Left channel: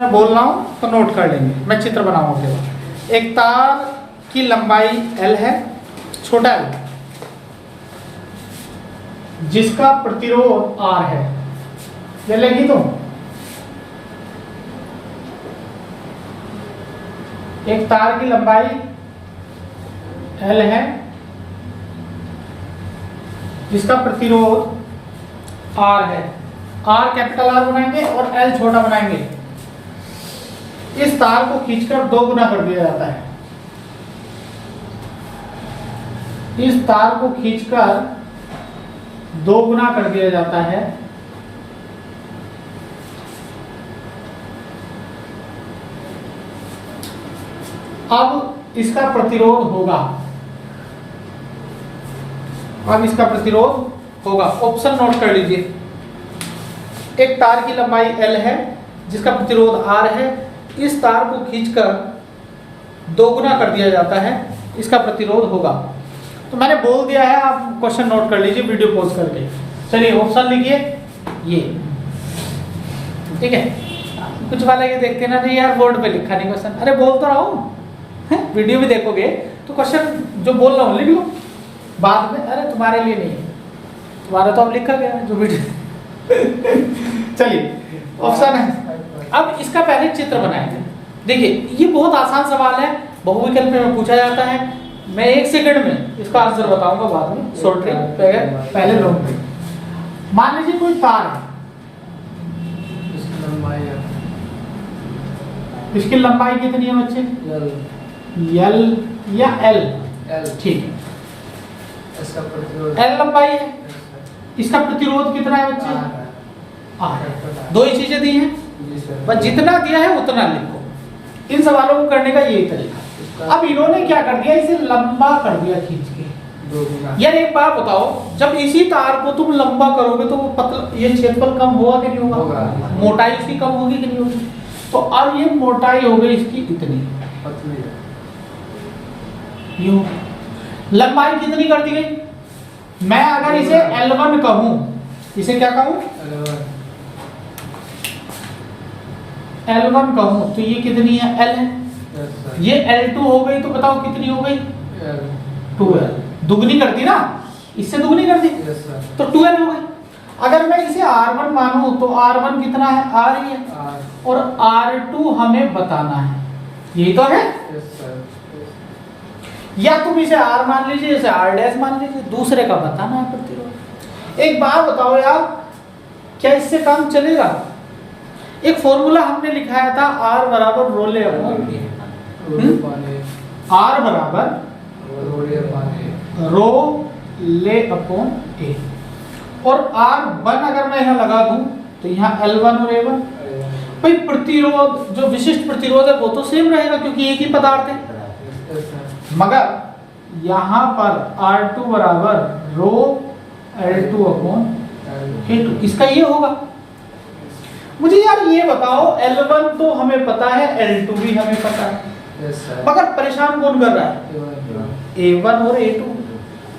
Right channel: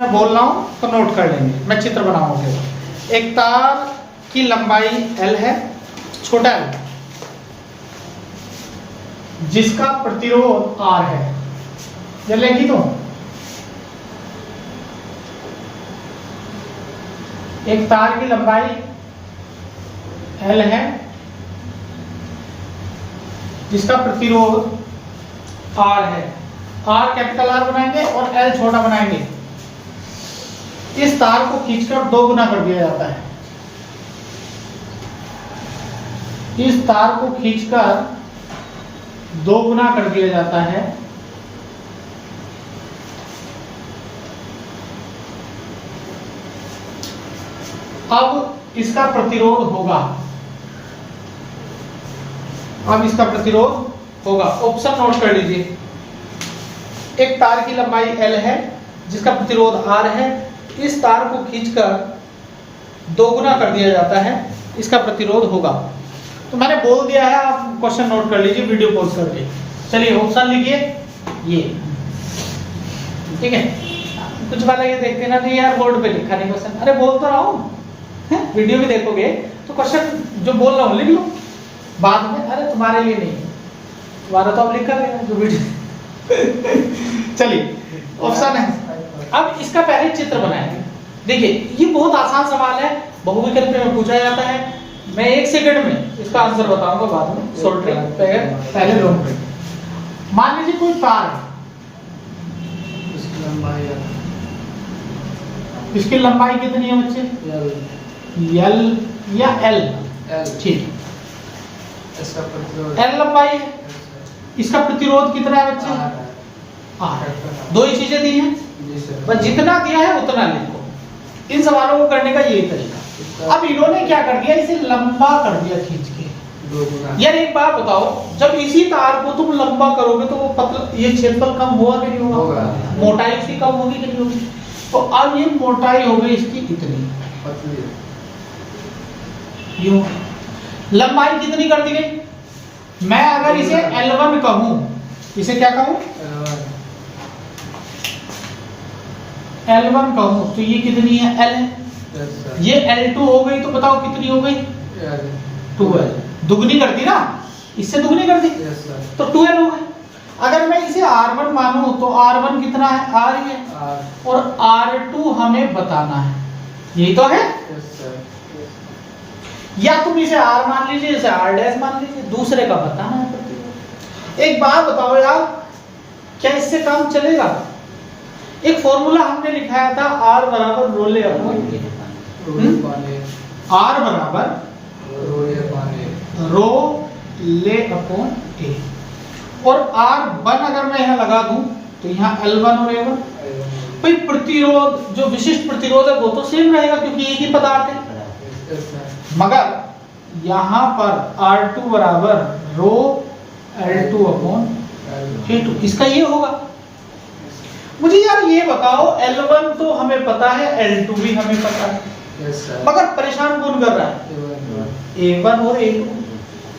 मैं बोल रहा हूँ तो नोट कर लेंगे, मैं चित्र बनाऊंगा। एक तार की लंबाई L है, छोटा L, जिसका प्रतिरोध R है। चलेगी तो एक तार की लंबाई L है, जिसका प्रतिरोध R है। R कैपिटल R बनाएंगे और L छोटा बनाएंगे। इस तार को खींचकर 2 गुना कर दिया जाता है। इस तार को खींचकर 2 गुना कर दिया जाता है। अब इसका प्रतिरोध होगा, अब इसका प्रतिरोध होगा। ऑप्शन नोट कर लीजिए। एक तार की लंबाई L है, जिसका प्रतिरोध R है। इस तार को खींचकर 2 गुना कर दिया जाता है, इसका प्रतिरोध होगा। तो मैंने बोल दिया है, आप क्वेश्चन नोट कर लीजिए वीडियो पॉज करके। चलिए ऑप्शन लिखिए ये, ठीक है। कुछ वाले ये देखते हैं ना भी यार बोर्ड पे लिखा नहीं क्वेश्चन, अरे बोल तो रहा हूँ, वीडियो भी देखोगे तो क्वेश्चन जो बोल रहा हूँ लिख लो बाद में। अरे तुम्हारे लिए नहीं, तुम्हारा तो अब लिखा गया जो वीडियो। चलिए ऑप्शन है। अब इसका पहले चित्र बनाएंगे। देखिए ये बहुत आसान सवाल है, बहुविकल्प में पूछा जाता है। मैं 1 सेकंड में इसका आंसर बताऊंगा, बाद में शॉर्ट ट्रिक पहले लॉन्ग ट्रिक। मान लीजिए कोई तार है, इसकी लंबाई कितनी है बच्चे? L या L? ठीक, इसका प्रतिरोध L लंबाई है। इसका प्रतिरोध कितना है बच्चे? दो ही चीजें दी हैं, बस जितना दिया है उतना लिखो। इन सवालों को करने का यही तरीका। अब इन्होंने क्या कर दिया, इसे लंबा कर दिया खींच के 2 गुना। यार एक बात बताओ, जब इसी तार को तुम लंबा करोगे तो वो पतला, ये क्षेत्रफल कम होगा कि नहीं होगा? मोटाई इसकी कम होगी कि नहीं होगी? तो अब ये मोटाई हो गई इसकी इतनी पतली, यूं। लंबाई कितनी कर दी गई? मैं अगर इसे L1 कहूं, इसे क्या कहूं? L1 कहूं तो ये कितनी है? L है। ये L2 हो गई तो बताओ कितनी हो गई? 2L। दुगनी कर दी ना, इससे दुगनी कर दी तो 2L हो गई। अगर मैं इसे R1 मानूं तो R1 कितना है? R ही है। और R2 हमें बताना है, यही तो है। या तुम इसे R मान लीजिए, इसे R' मान लीजिए, दूसरे का बताना है प्रतिरोध। एक बात बताओ यार, क्या इससे काम चलेगा? एक फॉर्मूला हमने लिखाया था, R बराबर रो ले अपॉन A। R बराबर रो ले अपॉन A। और R1 अगर मैं यहाँ लगा दूं तो यहाँ L1 और A1। भाई प्रतिरोध, जो विशिष्ट प्रतिरोध है वो तो सेम रहेगा क्योंकि एक ही पदार्थ है। मगर यहाँ पर R2 बराबर रो L2 अपॉन A2, इसका ये होगा। मुझे यार ये बताओ, L1 तो हमें पता है, L2 भी हमें पता है, मगर परेशान कौन कर रहा है? A1 और A2।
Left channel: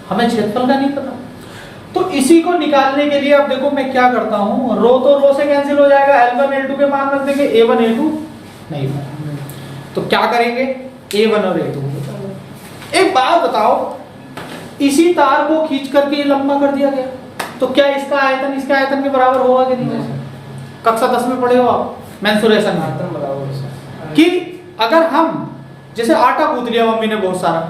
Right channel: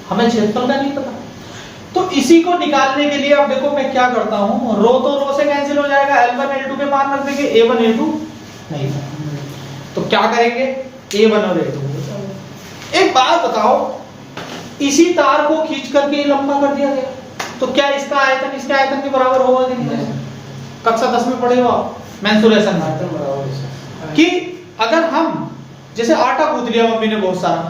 हमें क्षेत्रफल का नहीं पता। तो इसी को निकालने के लिए अब देखो मैं क्या करता हूँ, रो तो रो से कैंसिल हो जाएगा, L1 L2 के मान रख देंगे, A1 A2 नहीं होगा। तो क्या करेंगे? A1 और A2। एक बात बताओ, इसी तार को खींच करके लंबा कर दिया गया, तो क्या इसका आयतन इसके आयतन के बराबर होगा कि नहीं? कक्षा 10 में पढ़े हो आप मेंसुरेशन में कि अगर हम जैसे आटा गूंथ लिया मम्मी ने बहुत सारा,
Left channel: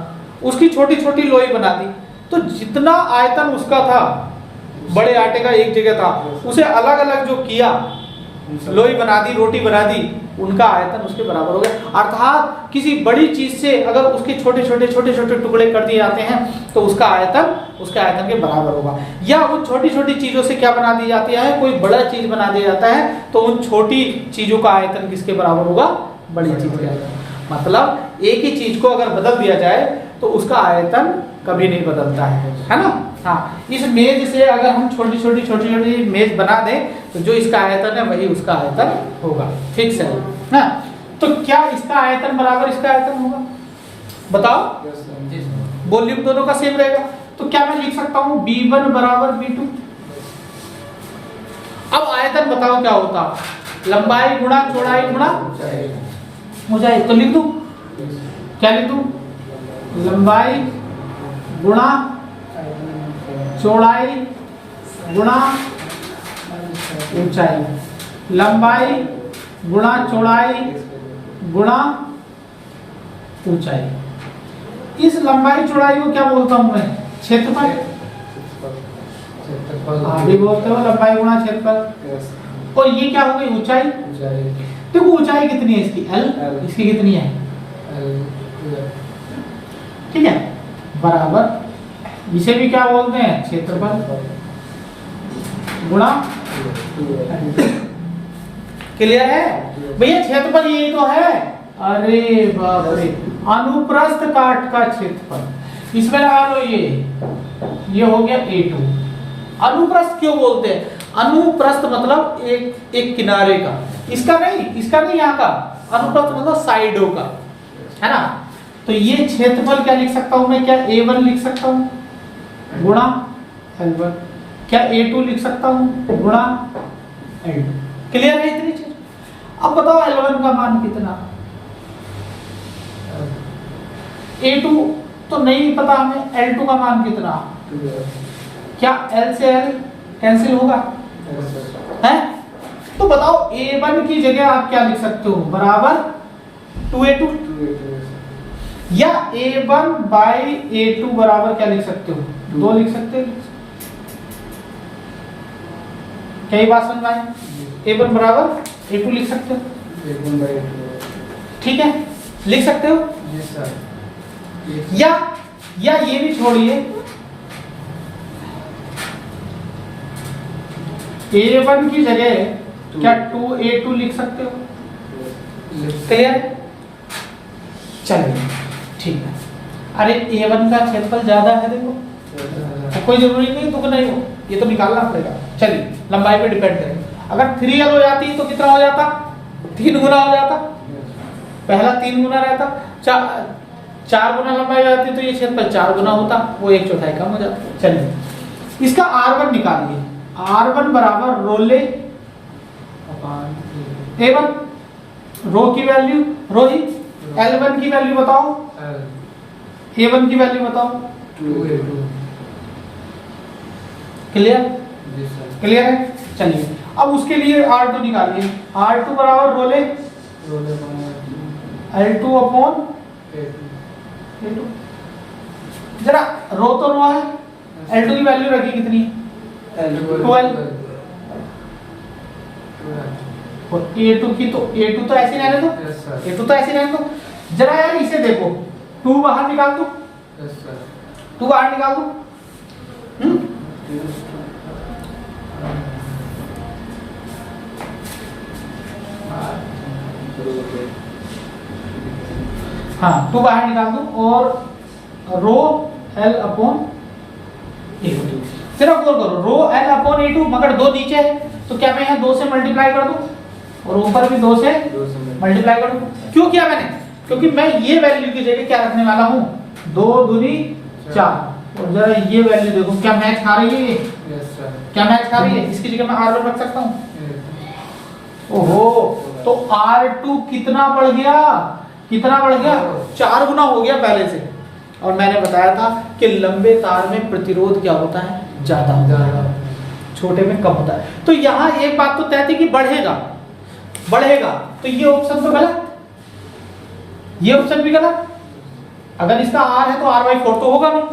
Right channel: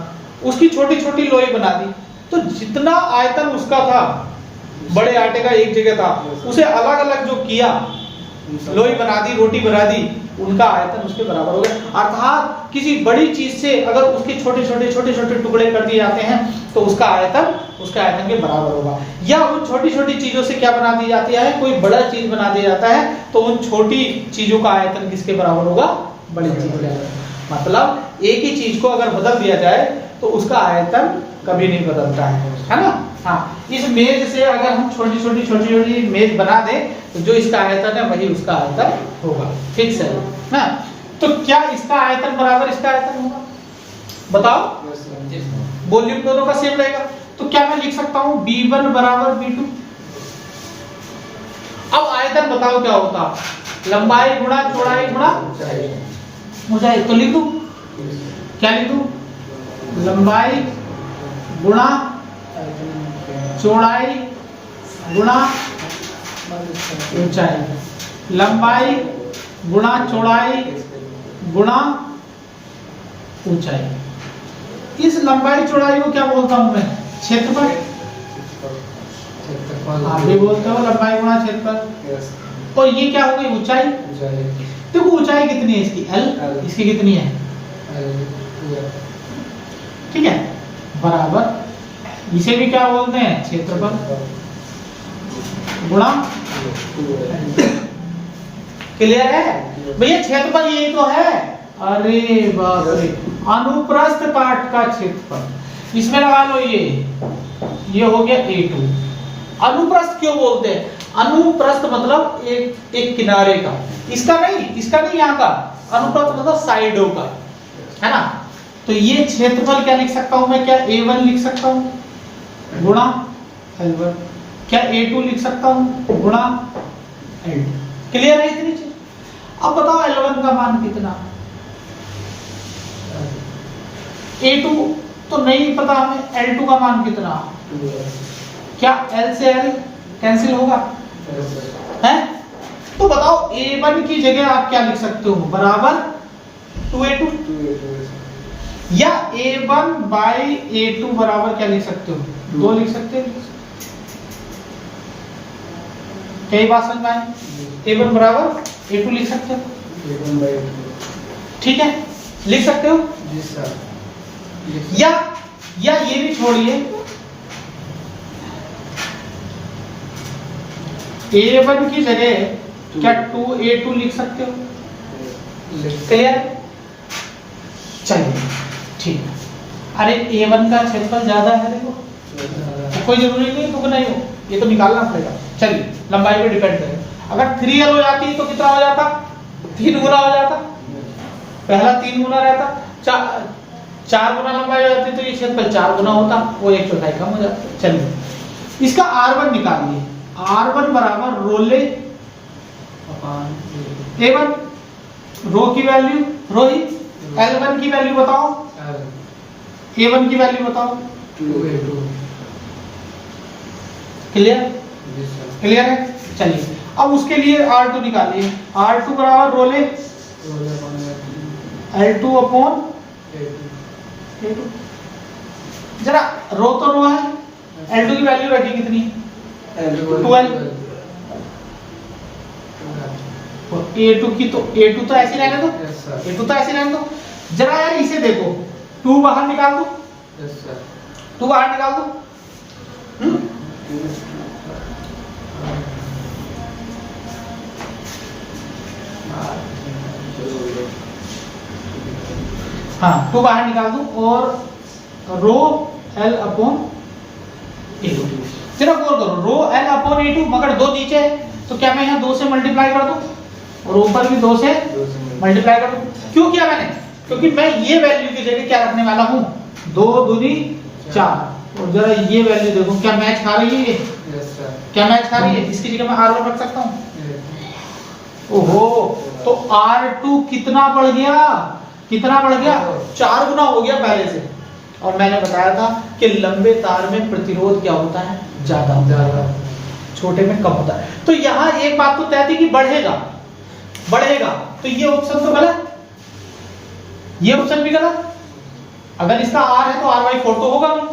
उसकी छोटी छोटी लोई बना दी, तो जितना आयतन उसका था, बड़े आटे का एक जगह था, उसे अलग अलग जो किया, लोई बना दी, रोटी बना दी, उनका आयतन उसके बराबर हो गया। अर्थात किसी बड़ी चीज से अगर उसके छोटे छोटे टुकड़े कर दिए जाते हैं तो उसका आयतन उसके आयतन के बराबर होगा। या वो छोटी छोटी चीजों से क्या बना दी जाती है, कोई बड़ा चीज बना दिया जाता है, तो उन छोटी चीजों का आयतन किसके बराबर होगा? बड़ी चीज के। मतलब एक ही चीज को अगर बदल दिया जाए तो उसका आयतन कभी नहीं बदलता है ना? हाँ, इस मेज से अगर हम छोटी छोटी मेज बना दें तो जो इसका आयतन है वही उसका आयतन होगा, फिक्स है ना? तो क्या इसका आयतन बराबर इसका आयतन होगा? बताओ, वॉल्यूम दोनों का सेम रहेगा, तो क्या मैं लिख सकता हूं B1 बराबर B2? अब आयतन बताओ क्या होता? लंबाई गुणा चौड़ाई गुणा ऊंचाई। ऊंचाई। तो लिख दूं, क्या लिख दूं? लंबाई गुणा चौड़ाई गुणा ऊंचाई। लंबाई गुणा चौड़ाई गुणा ऊंचाई। इस लंबाई चौड़ाई को क्या बोलता हूं मैं? क्षेत्रफल। क्षेत्रफल। आगे बोलते हो लंबाई गुणा क्षेत्रफल। यस। और ये क्या हो गई? ऊंचाई। ऊंचाई। देखो ऊंचाई कितनी है इसकी? L। इसकी कितनी है? ठीक है, बराबर इसे भी क्या बोलते हैं? क्षेत्रफल गुणा। क्लियर है भैया? क्षेत्रफल यही तो है। अरे बाप रे, अनुप्रस्थ काट का क्षेत्रफल। इसमें लगा लो ये हो गया A2। अनुप्रस्थ क्यों बोलते हैं? अनुप्रस्थ मतलब एक किनारे का, इसका नहीं यहाँ का। अनुप्रस्थ मतलब साइडों का, है ना? तो ये क्षेत्रफल क्या लिख सकता हूं मैं? क्या A1 लिख सकता हूं गुणा L1? क्या A2 लिख सकता हूं गुणा L2? क्लियर है इतनी चीज? अब बताओ L1 का मान कितना? A2 तो नहीं पता हमें, L2 का मान कितना? क्या L से L कैंसिल होगा? है? तो बताओ A1 की जगह आप क्या लिख सकते हो? बराबर 2A2, या A1 बाई A2 बराबर क्या लिख सकते हो? 2 लिख सकते हो। कई बात समझ में आई? A1 बराबर A2 लिख सकते हो। ठीक है, लिख सकते हो। जी सर। या ये भी छोड़िए, A1 की जगह क्या 2A2 लिख सकते हो? क्लियर? चलिए ठीक है। अरे A1 का क्षेत्रफल ज्यादा है, देखो तो कोई जरूरी नहीं दुगना ही हो, ये तो निकालना पड़ेगा। चलिए लंबाई पे डिपेंड है। अगर 3L हो जाती तो कितना हो जाता? 3 गुना हो जाता। पहला 3 गुना रहता, 4 गुना लंबाई हो जाती तो ये क्षेत्रफल 4 गुना होता, वो 1/4 कम हो जाता। चलिए इसका R1 निकालिए। R1 बराबर रोले अपान A1। रो की वैल्यू रो ही, L1 की वैल्यू बताओ, A1 की वैल्यू बताओ। 2A2। क्लियर? जी सर। क्लियर है? चलिए अब उसके लिए R2 निकालिए। R2 बराबर रोले L2 अपॉन A2। जरा रो तो रो है, L2 की वैल्यू रखी कितनी? 12। और A2 की तो A2 तो ऐसे रहने दो, A2 तो ऐसे रहने दो। जरा यार इसे देखो, 2 बाहर निकाल दो, 2 बाहर निकाल दो। हाँ 2 बाहर निकाल दो और रो L अपॉन A2। जरा गौर करो, रो L अपॉन A2 मगर 2 नीचे है तो क्या मैं यहाँ 2 से मल्टीप्लाई कर दूं और ऊपर भी 2 से मल्टीप्लाई कर दूं? क्यों किया मैंने? क्योंकि मैं ये वैल्यू की जगह क्या रखने वाला हूँ? 2 दूनी 4। और जरा ये वैल्यू देखो, क्या मैच खा रही है ये? क्या मैच खा रही है? इसकी जगह मैं R1 रख सकता हूँ। ओहो, तो R2 कितना बढ़ गया? कितना बढ़ गया? 4 गुना हो गया पहले से। और मैंने बताया था कि लंबे तार में प्रतिरोध क्या होता है? ज्यादा होता है, छोटे में कम होता है। तो यहाँ एक बात तो तय थी कि बढ़ेगा, तो ये ऑप्शन तो गलत, ये ऑप्शन भी गलत। अगर इसका R है तो R/4 तो होगा नहीं,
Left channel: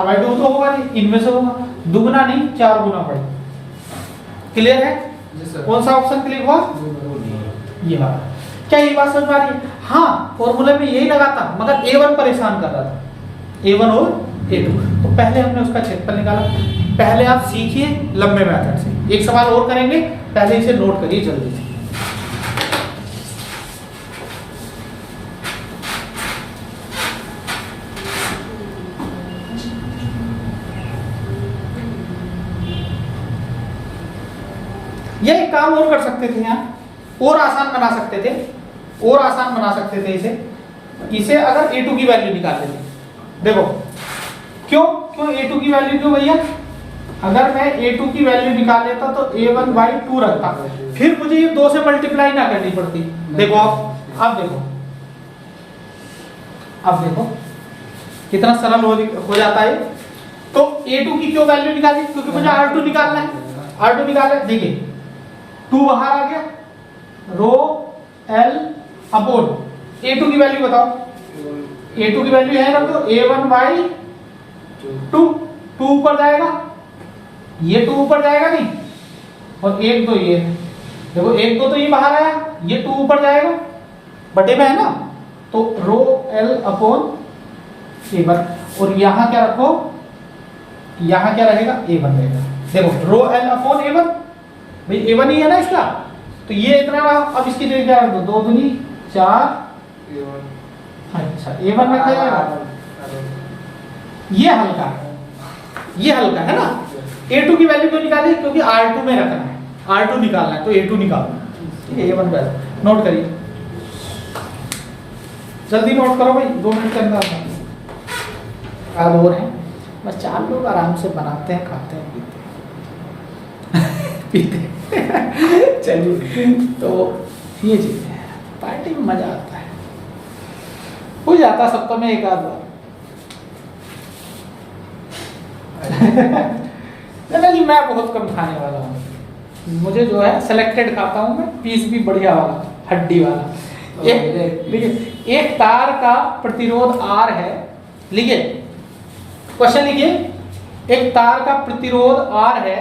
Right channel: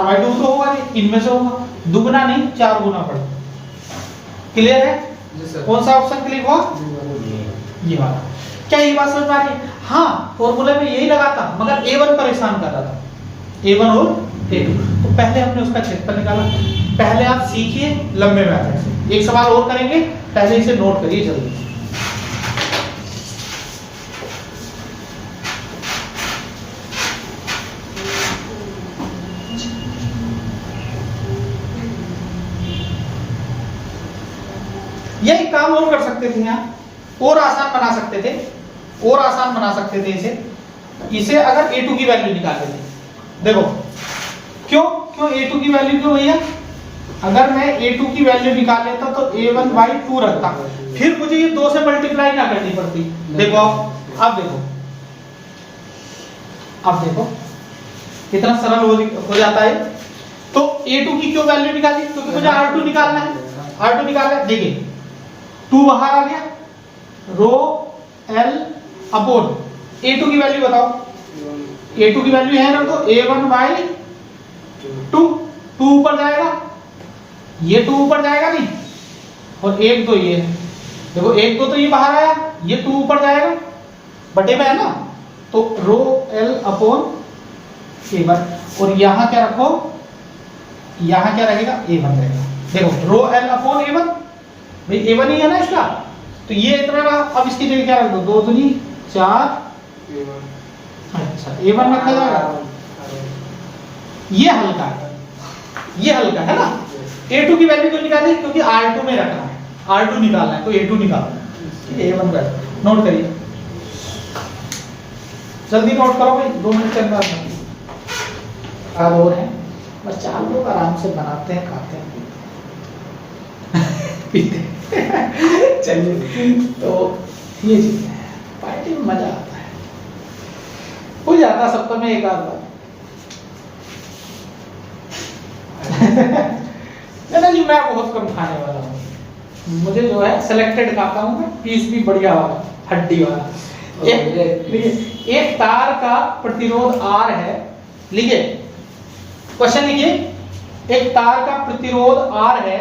R/2 तो होगा नहीं, इनमें से होगा दुगना नहीं 4 गुना बढ़े। क्लियर है? कौन सा ऑप्शन क्लिक हुआ? ये वाला। क्या ये बात समझ में आ रही है? हाँ, फॉर्मूले में यही लगा था मगर A1 परेशान कर रहा था, A1 और A2। तो पहले हमने उसका क्षेत्रफल निकाला। पहले आप सीखिए लंबे मेथड से। एक सवाल और करेंगे, पहले इसे नोट करिए जल्दी। ये एक काम और कर सकते थे, यहाँ और आसान बना सकते थे, इसे अगर A2 की वैल्यू निकाल देते। देखो क्यों A2 की वैल्यू क्यों भैया? अगर मैं A2 की वैल्यू निकाल लेता तो A1 बाई 2 रखता, फिर मुझे ये 2 से मल्टीप्लाई ना करनी पड़ती। देखो अब देखो, अब देखो कितना सरल हो जाता है। तो A2 की क्यों वैल्यू निकाली, क्योंकि मुझे R2 निकालना है, R2 निकालना है। देखिए 2 बाहर आ गया, रो L अपोन A2 की वैल्यू बताओ, A2 की वैल्यू है ना, तो A1 बाई 2, 2 ऊपर जाएगा, ये 2 ऊपर जाएगा नहीं, और 1 2 ये है, देखो 1 2 तो ये बाहर आया, ये 2 ऊपर जाएगा, बटे में है ना, तो रो L अपोन A1, और यहां क्या रखो, यहां क्या रहेगा, A1 रहेगा। देखो रो L अपोन A1, भाई A1 ही है ना इसका, तो ये इतना रहा। अब इसकी जगह क्या रख दो, 2 दूनी 4, अच्छा A1 रखा जाएगा, ये हल्का है, ये हल्का है ना। A2 की वैल्यू क्यों निकाली, क्योंकि R2 में रखना है, R2 निकालना है, तो A2 निकालो, A1 बस नोट करिए, जल्दी नोट करो भाई, 2 मिनट के अंदर। आप और हैं बस, 4 लोग आराम से बनाते हैं, खाते हैं, पीते हैं। चलिए, तो ये चीज है, पार्टी में मजा आता है, हो जाता सबका में एक आध बार। नहीं, मैं बहुत कम खाने वाला हूँ, मुझे जो है सिलेक्टेड खाता हूँ मैं, पीस भी बढ़िया वाला, हड्डी वाला। एक तार का प्रतिरोध R है, लिखिए क्वेश्चन, लिखिए एक तार का प्रतिरोध R है,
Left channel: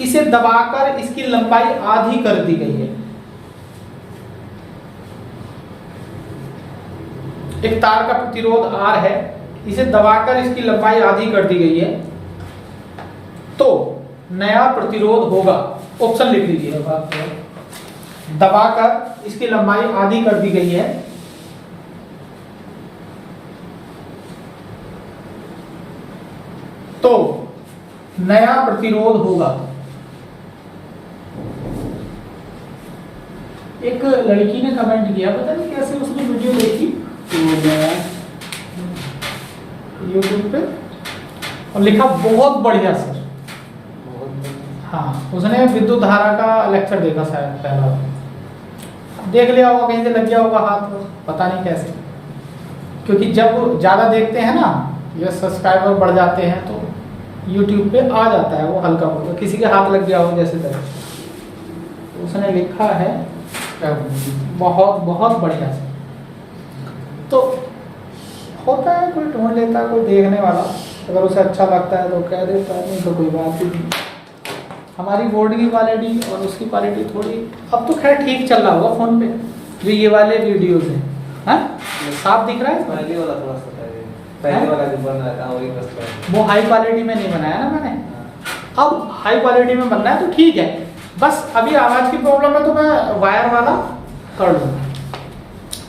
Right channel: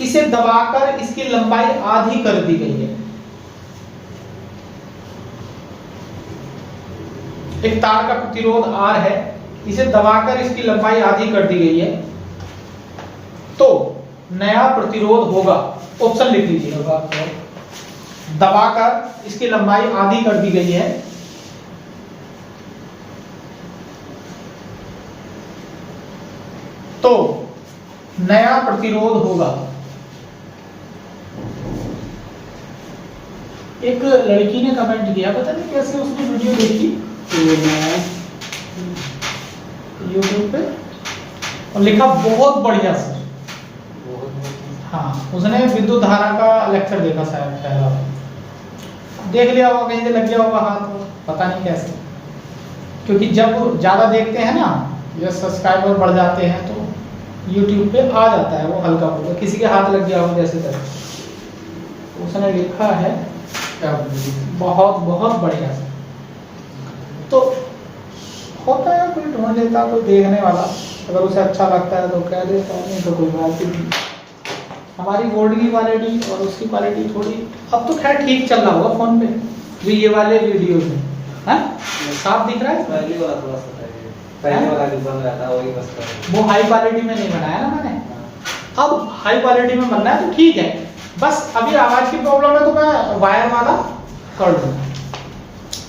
इसे दबाकर इसकी लंबाई आधी कर दी गई है। एक तार का प्रतिरोध R है, इसे दबाकर इसकी लंबाई आधी कर दी गई है, तो नया प्रतिरोध होगा, ऑप्शन लिख लीजिए, दबाकर इसकी लंबाई आधी कर दी गई है, तो नया प्रतिरोध होगा। एक लड़की ने कमेंट किया, पता नहीं कैसे उसने वीडियो देखी यूट्यूब पे, और लिखा बहुत बढ़िया सर। हाँ, उसने विद्युत धारा का लेक्चर देखा शायद पहला, देख लिया होगा, कहीं से लग गया होगा हाथ, पता नहीं कैसे, क्योंकि जब ज्यादा देखते हैं ना, ये सब्सक्राइबर बढ़ जाते हैं, तो YouTube पे आ जाता है वो हल्का फुल्का, किसी के हाथ लग गया हो जैसे तरह। उसने लिखा है बहुत बहुत बढ़िया से, तो होता है कोई ढूंढ लेता, कोई देखने वाला, अगर उसे अच्छा लगता है तो कह देता है, नहीं तो कोई बात ही नहीं। हमारी बोर्ड की क्वालिटी और उसकी क्वालिटी थोड़ी, अब तो खैर ठीक चल रहा होगा फोन पे भी, ये वाले वीडियो में साफ दिख रहा है। पहले वाला थोड़ा सा पहले वाला जो बन रहा था वही बस वो हाई क्वालिटी में नहीं बनाया ना मैंने, अब हाई क्वालिटी में बनना है तो ठीक है। बस अभी आवाज की प्रॉब्लम है तो मैं वायर वाला कर लूंगा।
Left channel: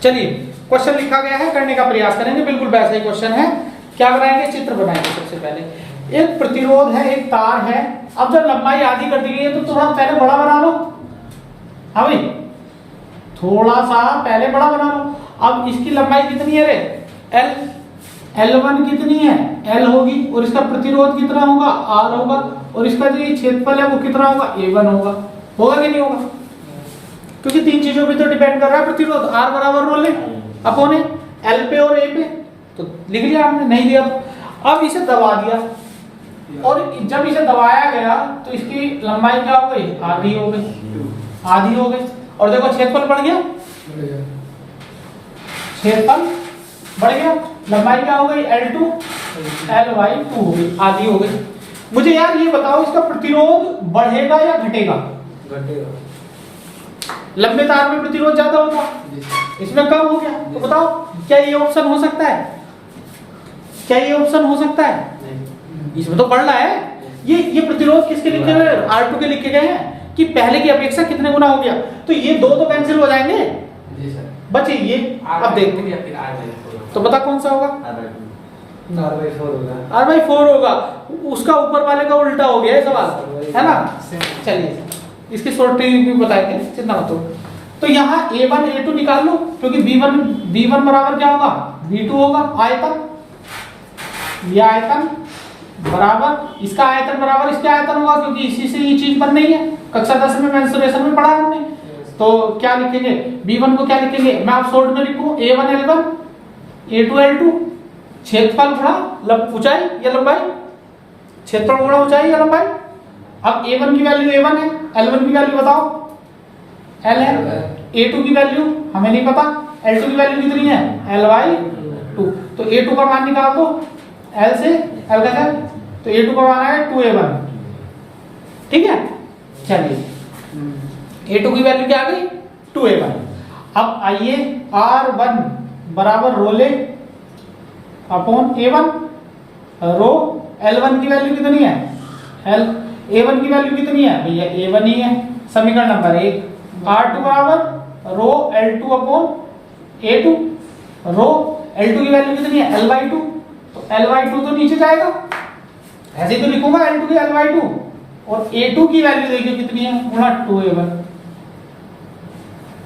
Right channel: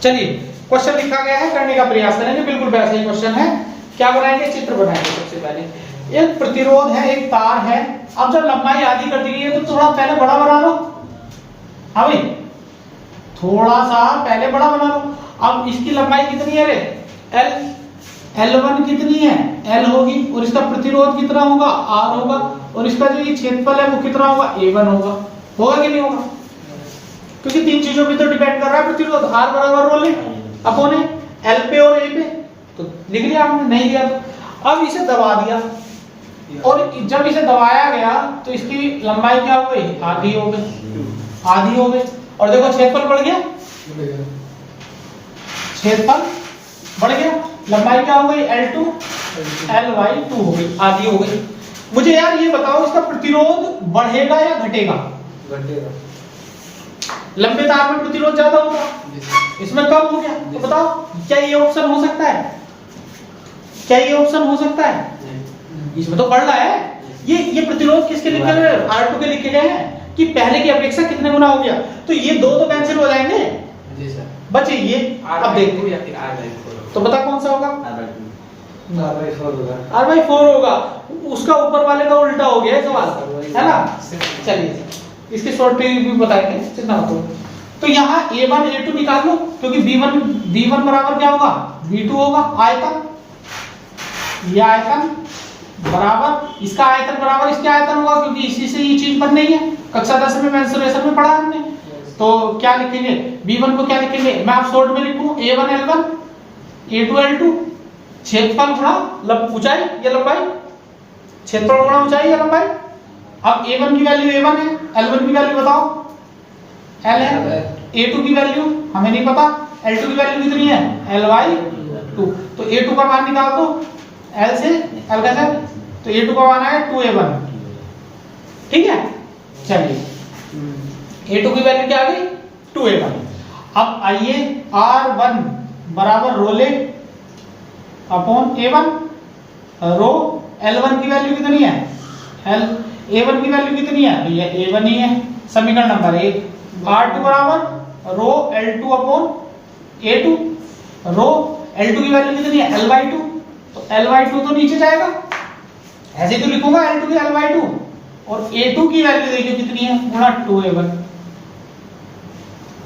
चलिए, क्वेश्चन लिखा गया है, करने का प्रयास करेंगे, बिल्कुल वैसा ही क्वेश्चन है। क्या बनाएंगे, चित्र बनाएंगे। सबसे पहले एक प्रतिरोध है, एक तार है, अब जब लंबाई आधी कर दी गई है तो थोड़ा पहले बड़ा बना लो। हाँ भाई, थोड़ा सा पहले बड़ा बना लो। अब इसकी लंबाई कितनी है रे, L, L1 कितनी है, L होगी, और इसका प्रतिरोध कितना होगा, R होगा, और इसका जो ये क्षेत्रफल है वो कितना होगा, A1 होगा। होगा कि नहीं होगा, क्योंकि 3 चीजों पे तो डिपेंड कर रहा है प्रतिरोध, R बराबर रो ले अपोन L पे और A पे, तो लिख लिया आपने, नहीं दिया तो अब इसे दबा दिया, और जब इसे दबाया गया तो इसकी लंबाई क्या हो गई, आधी हो गई, आधी हो गई, और देखो क्षेत्रफल बढ़ गया, क्षेत्रफल बढ़ गया, लंबाई क्या हो गई, L2 L/2 हो गई, आधी हो गई। मुझे यार ये बताओ, इसका प्रतिरोध बढ़ेगा या घटेगा, घटेगा। लंबे तार में प्रतिरोध ज्यादा होगा, इसमें कम हो गया, तो बताओ क्या ये ऑप्शन हो सकता है, क्या ये ऑप्शन हो सकता है, इसमें तो बढ़ रहा है। ये प्रतिरोध किसके लिखे गए, R2 के लिखे गए हैं, कि पहले की अपेक्षा कितने गुना हो गया, तो ये 2 तो कैंसिल हो जाएंगे, बचे ये। अब देखो या फिर R/4, तो बता कौन सा होगा, R/4 होगा, उसका ऊपर वाले का उल्टा हो गया सवाल, है ना। चलिए इसकी शॉर्ट ट्रिक भी बताएंगे, कितना तो। तो यहाँ A1 A2 निकाल लो, क्योंकि B1 बराबर क्या होगा, B2 होगा, आयतन, ये आयतन बराबर इसका आयतन बराबर इसके आयतन होगा, क्योंकि इसी से ये चीज बन रही है। कक्षा 10 में मेंसुरेशन में पढ़ा हमने। तो क्या लिखेंगे, V1 को क्या लिखेंगे, मैं आप शॉर्ट में लिखूं A1 L1 A2 L2, क्षेत्रफल गुणा ऊंचाई या लंबाई, क्षेत्रफल गुणा ऊंचाई या लंबाई। अब A1 की वैल्यू A1 है, L1 की वैल्यू बताओ L है, A2 की वैल्यू हमें नहीं पता, L2 की वैल्यू कितनी है L/2। तो A2 का मान निकाल दो, L से L का सर, तो A2 का मान आया 2A1। ठीक है, चलिए A2 की वैल्यू क्या आ गई 2A1। अब आइए R1 बराबर रो ले अपॉन A1, रो L1 की वैल्यू कितनी है A1 की वैल्यू कितनी है भैया A1 ही है। समीकरण नंबर 1, R2 बराबर रो L2 अपॉन A2, रो L2 की वैल्यू कितनी है L/2, तो L/2 तो नीचे जाएगा, ऐसे तो लिखूंगा L2 की L/2, और A2 की वैल्यू देखिए कितनी है गुणा 2A1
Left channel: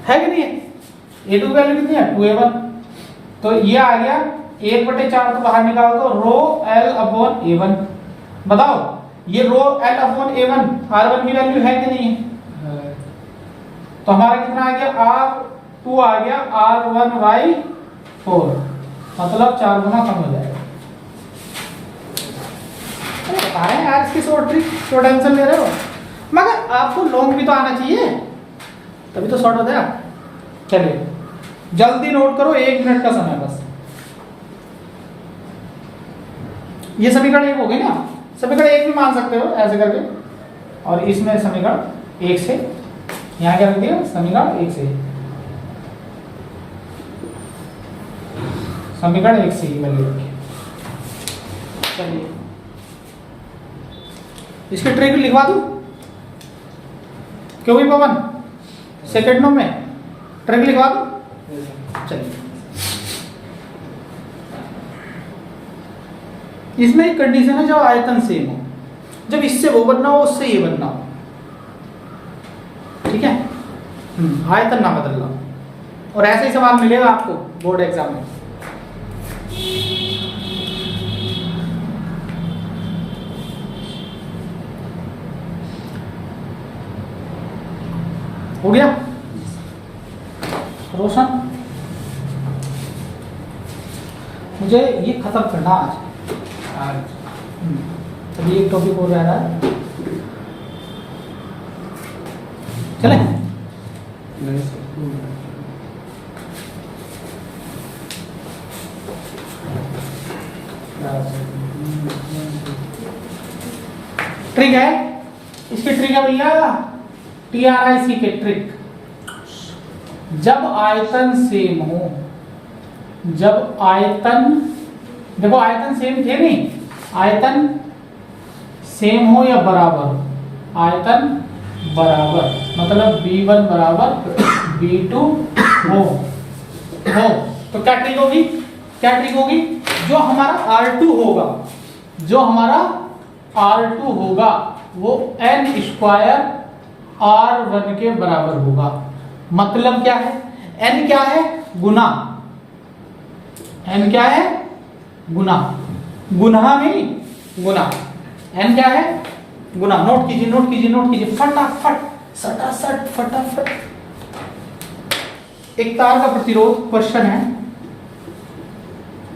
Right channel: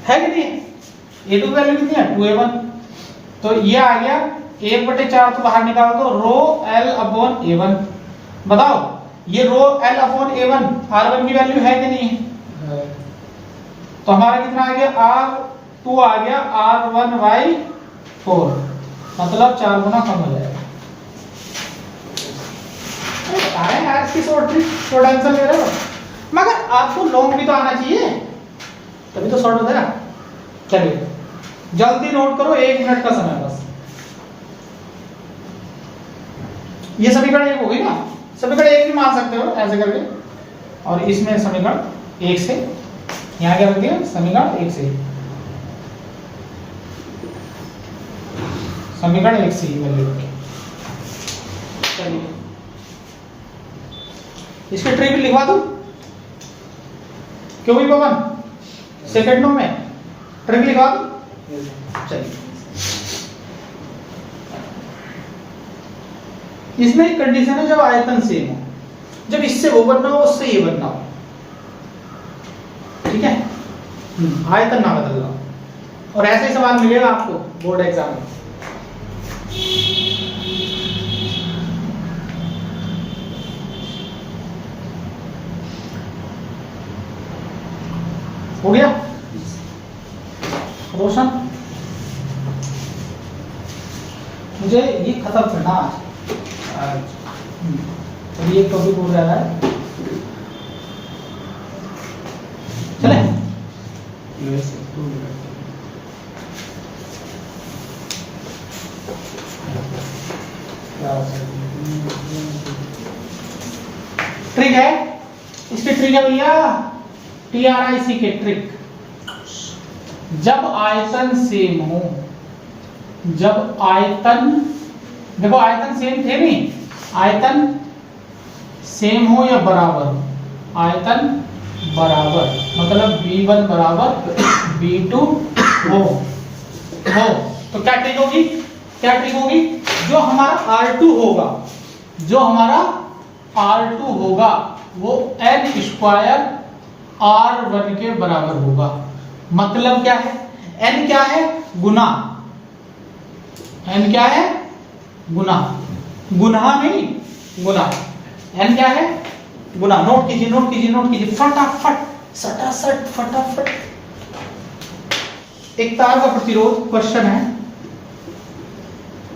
है कि नहीं है। A2 की वैल्यू कितनी है 2A1, तो ये आ गया 1/4 तो बाहर निकाल दो, रो L अपॉन A1। बताओ ये रो L अपॉन A1 R1 की वैल्यू है कि नहीं है, तो हमारा कितना आ गया R2 आ गया R1/4, मतलब 4 गुना कम हो जाएगा। बता रहे हैं यार इसकी शॉर्ट ट्रिक, शॉर्ट आंसर ले रहे हो, मगर आपको लॉन्ग भी तो आना चाहिए, तभी तो शॉर्ट हो जाएगा। चलिए जल्दी नोट करो, 1 मिनट का समय बस। ये समीकरण 1 हो गई ना, समीकरण 1 भी मान सकते हो ऐसे करके, और इसमें समीकरण 1 से यहाँ क्या रख दिया, समीकरण 1 से, समीकरण 1 से ही वैल्यू रखी। चलिए इसकी ट्रिक लिखवा दूं क्यों भी पवन, सेकंड में ट्रिक लिखवा दूं। चलिए इसमें एक कंडीशन है, जब आयतन सेम हो, जब इससे वो बनना हो उससे ये बनना हो, ठीक है, आयतन ना बदलना हो, और ऐसे ही सवाल मिलेगा आपको बोर्ड एग्जाम में। हो गया रोशन, मुझे ये खत्म करना आज। चलिए एक टॉपिक हो रहा है, चले ट्रिक है, इसकी ट्रिक है भैया TRIC के ट्रिक। जब आयतन सेम हो, जब आयतन, देखो आयतन सेम थे नहीं, आयतन सेम हो या बराबर, आयतन बराबर मतलब B1 बराबर B2 हो, तो क्या ट्रिक होगी, क्या ट्रिक होगी, जो हमारा R2 होगा, जो हमारा R2 होगा वो n² R1 के बराबर होगा। मतलब क्या है, n क्या है गुना, n क्या है गुना, गुना नहीं गुना, n क्या है गुना। नोट कीजिए नोट कीजिए नोट कीजिए फटाफट, सटासट फटाफट। एक तार का प्रतिरोध, क्वेश्चन है,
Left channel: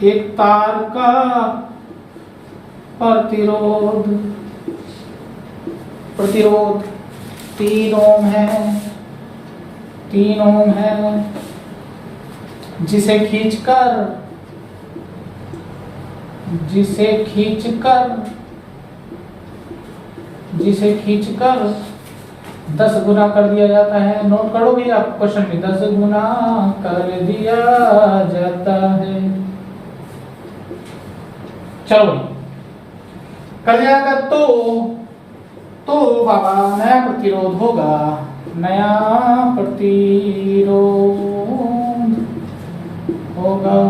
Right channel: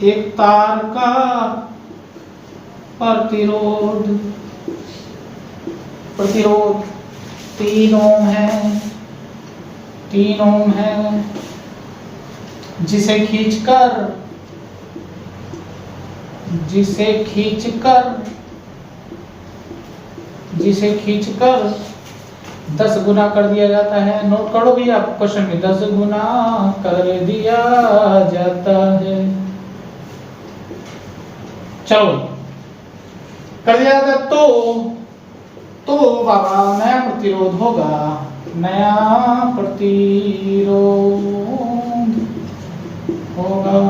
एक तार का प्रतिरोध, प्रतिरोध 3 ओम है, 3 ओम है, जिसे खींचकर 10 गुना कर दिया जाता है। नोट करो भी आप क्वेश्चन में, 10 गुना कर दिया जाता है। चलो कर दिया जाता तो बाबा नया प्रतिरोध होगा, नया प्रतिरोध होगा।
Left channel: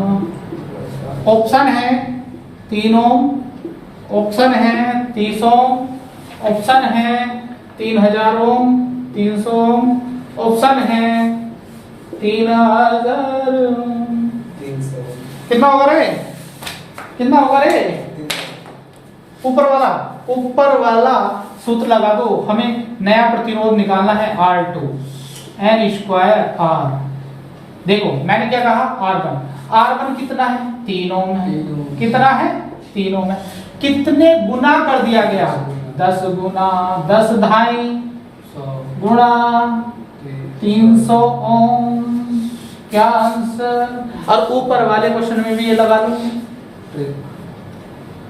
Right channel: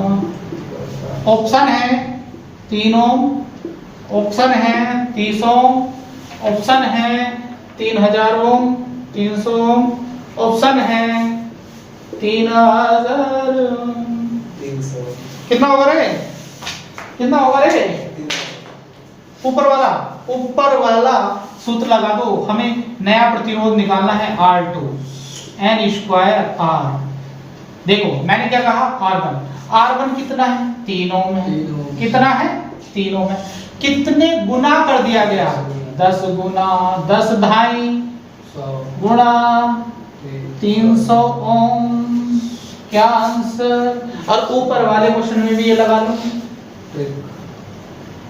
ऑप्शन है 3 ओम, ऑप्शन है 30 ओम, ऑप्शन है 3000 ओम, 300 ओम, ऑप्शन है 3000 ओम। 300 कितना होगा रे, कितना होगा रे, ऊपर वाला सूत्र लगा दो, हमें नया प्रतिरोध निकालना है R2 n स्क्वायर R। देखो मैंने क्या कहा R1 कितना है 3 ओम है, कितना है 3 ओम है, कितने गुना कर दिया गया 10 गुना 10 ढाई गुणा 300 ओम, क्या आंसर। और ऊपर वाले क्वेश्चन में भी ये लगा लो,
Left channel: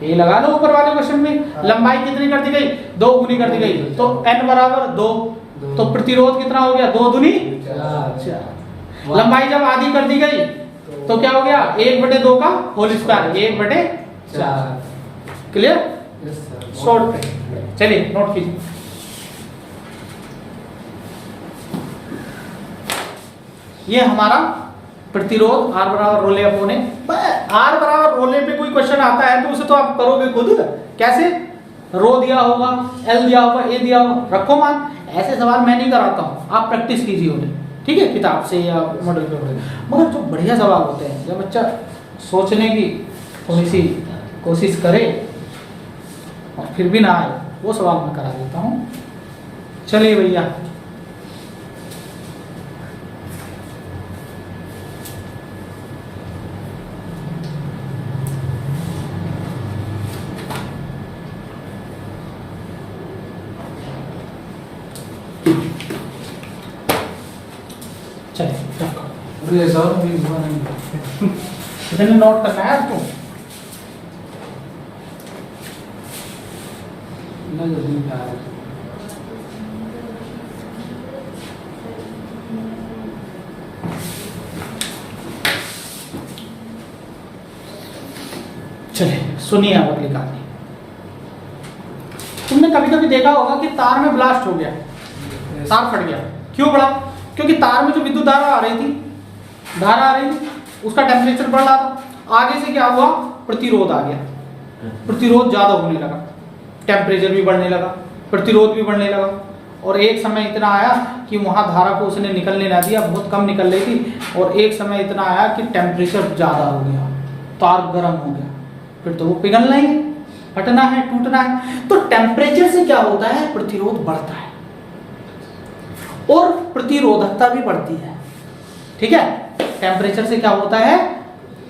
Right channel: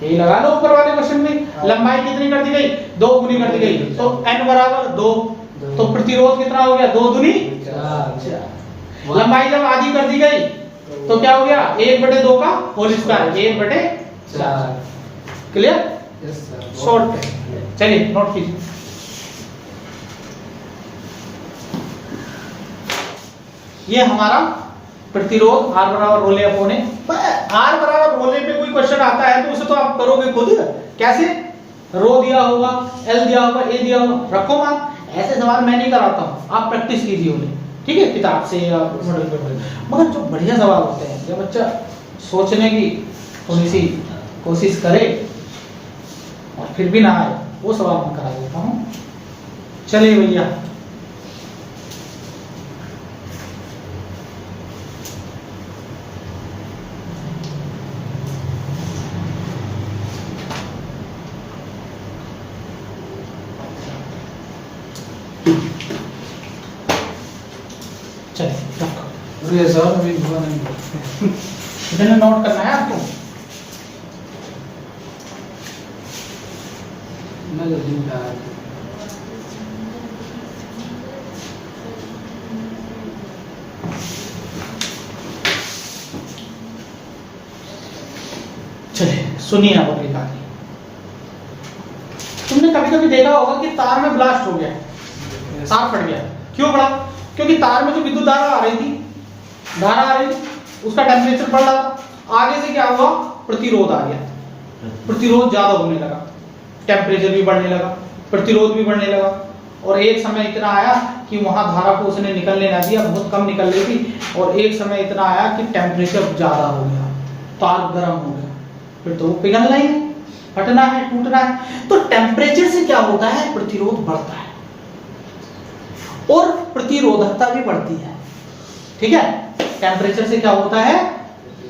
ये लगा लो ऊपर वाले क्वेश्चन में लंबाई कितनी कर दी गई 2 गुनी कर दी गई, तो n बराबर 2, तो प्रतिरोध कितना हो गया 2 दूनी 4। लंबाई जब आधी कर दी गई तो क्या हो गया 1/2 का होल स्क्वायर 1/4। क्लियर? शॉर्ट। चलिए नोट कीजिए। ये हमारा प्रतिरोध R बराबर रो ले अपने, R बराबर रो ले पे कोई क्वेश्चन आता है तो उसे तो आप करोगे खुद। कैसे? रो दिया होगा, L दिया होगा, A दिया होगा, रखो मान। ऐसे सवाल मैं नहीं कराता हूँ, आप प्रैक्टिस कीजिए उन्हें, ठीक है, किताब से या मॉडल पे। मगर जो बढ़िया सवाल होते हैं, जब बच्चा सोचने की थोड़ी सी कोशिश करे और फिर भी ना आए, वो सवाल मैं करा देता हूँ। चलिए भैया, चलिए रखो। ये सर अभी हुआ नहीं। इतने नोट करना है आपको। मैं जल्दी उठा रहा हूँ। चलिए सुनिए आप अपनी कहानी। तुमने कभी कभी देखा होगा कि तार में ब्लास्ट हो गया, तार फट गया। क्यों पड़ा? क्योंकि तार में जो विद्युत धारा आ रही थी, उसका टेम्परेचर बढ़ रहा था। आगे से क्या हुआ? प्रतिरोध आ गया, प्रतिरोध ज्यादा होने लगा, टेम्परेचर भी बढ़ने लगा, प्रतिरोध भी बढ़ने लगा, और एक समय इतना आया कि वहां धारा को उसने निकलने ना दिया, बहुत कम निकल रही थी, और एक समय इतना आया कि टेम्परेचर ज्यादा हो गया, तार गर्म हो गया, फिर तो वो पिघलना ही है, फटना है, टूटना है। तो टेम्परेचर से क्या होता है? प्रतिरोध बढ़ता है और प्रतिरोधकता भी बढ़ती है, ठीक है। टेम्परेचर से क्या होता है?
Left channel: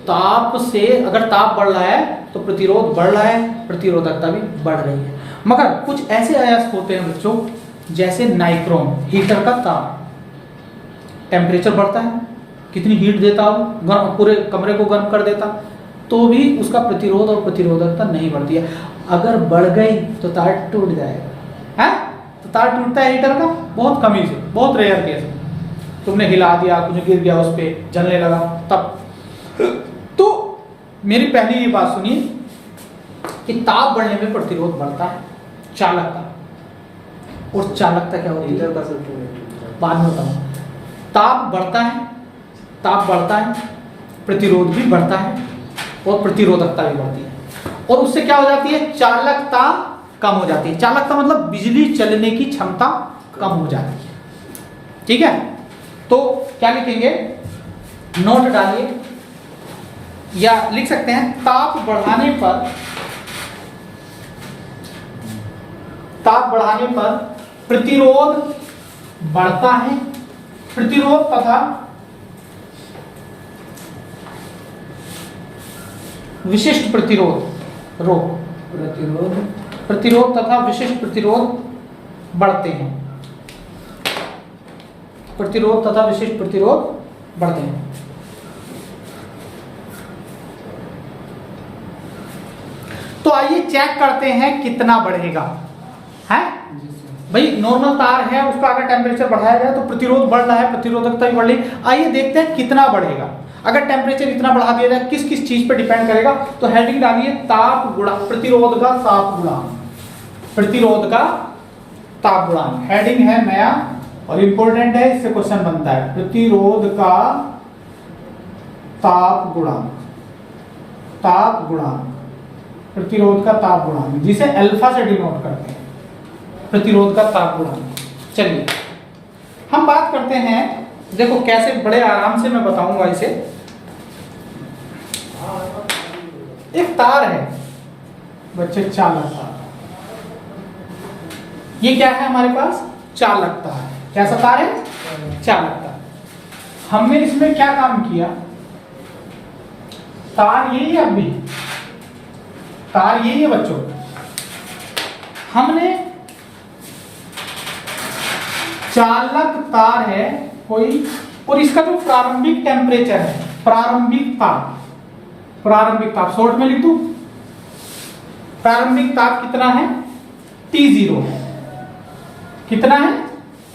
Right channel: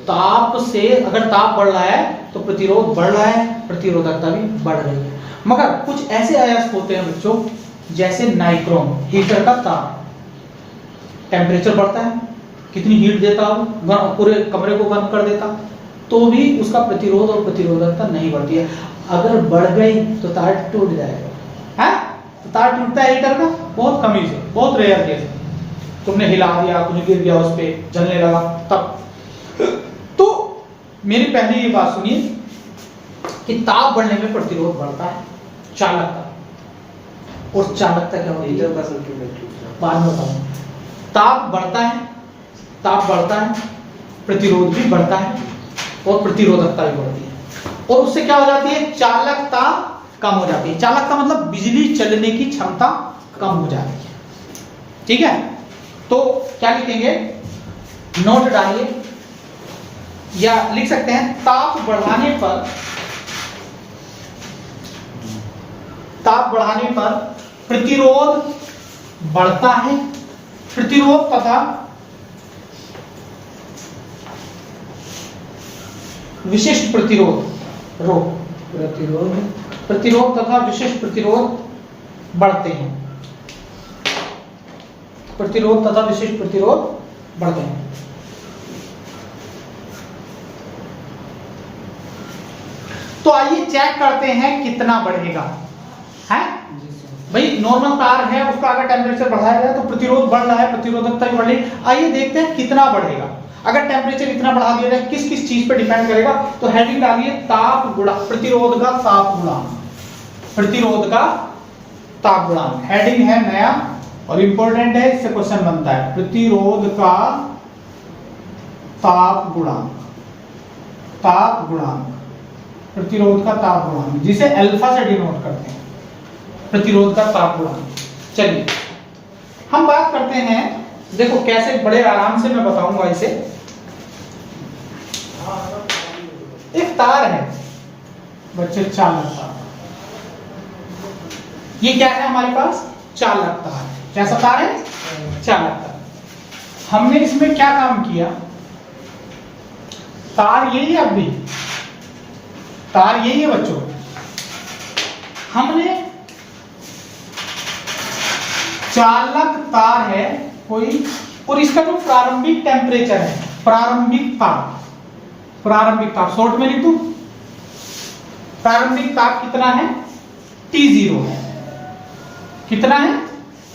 ताप से, अगर ताप बढ़ रहा है तो प्रतिरोध बढ़ रहा है, प्रतिरोधकता भी बढ़ रही है। मगर कुछ ऐसे अयस्क होते हैं बच्चों, जैसे नाइक्रोम, हीटर का ताप, टेम्परेचर बढ़ता है, कितनी हीट देता हो, पूरे कमरे को गर्म कर देता, तो भी उसका प्रतिरोध और प्रतिरोधकता नहीं बढ़ती है। अगर बढ़ गई तो तार टूट जाएगा, है? तो तार टूटता है हीटर का बहुत कमी से, बहुत रेयर केस में। तुमने हिला दिया, कुछ गिर गया उस पे, जलने लगा, तब। तो मेरी पहली ये बात सुनिए कि ताप बढ़ने में प्रतिरोध बढ़ता है, चालकता, और चालकता क्या होती है? बाद में बताऊं। ताप बढ़ता है, प्रतिरोध भी बढ़ता है, और प्रतिरोधकता भी बढ़ती है, और उससे क्या हो जाती है? चालकता कम हो जाती है। चालकता मतलब बिजली चलने की क्षमता कम हो जाती है, ठीक है। तो क्या लिखेंगे? नोट डालिए या लिख सकते हैं, ताप बढ़ाने पर प्रतिरोध बढ़ता है, प्रतिरोध तथा विशिष्ट प्रतिरोध प्रतिरोध तथा विशिष्ट प्रतिरोध बढ़ते हैं, प्रतिरोध तथा विशिष्ट प्रतिरोध बढ़ते हैं। तो आइए चेक करते हैं कितना बढ़ेगा, है भाई। नॉर्मल तार है, उसका अगर टेम्परेचर बढ़ाया गया तो प्रतिरोध बढ़ रहा है, प्रतिरोधकता भी बढ़ रही है। आइए देखते हैं कितना बढ़ेगा। अगर टेम्परेचर इतना बढ़ा दिया जाए, किस किस चीज पे डिपेंड करेगा? तो हेडिंग डालिए, ताप गुणा प्रतिरोध का ताप गुणांक, प्रतिरोध का ताप गुणांक। हेडिंग है नया और इंपॉर्टेंट है, इससे क्वेश्चन बनता है, प्रतिरोध का ताप गुणांक, ताप गुणांक, प्रतिरोध का ताप गुणांक, जिसे अल्फा से डिनोट करते हैं, प्रतिरोध का ताप गुणांक। चलिए हम बात करते हैं, देखो कैसे बड़े आराम से मैं बताऊंगा इसे। एक तार है, बच्चे चालकता। ये क्या है हमारे पास? चालकता है। क्या सब तार है? चालकता। हमने इसमें क्या काम किया? तार यही है, अब भी तार यही है बच्चों। हमने चालक तार है कोई, और इसका जो प्रारंभिक टेम्परेचर है, प्रारंभिक ताप शॉर्ट में लिख दूं, प्रारंभिक ताप कितना है? T0 है। कितना है?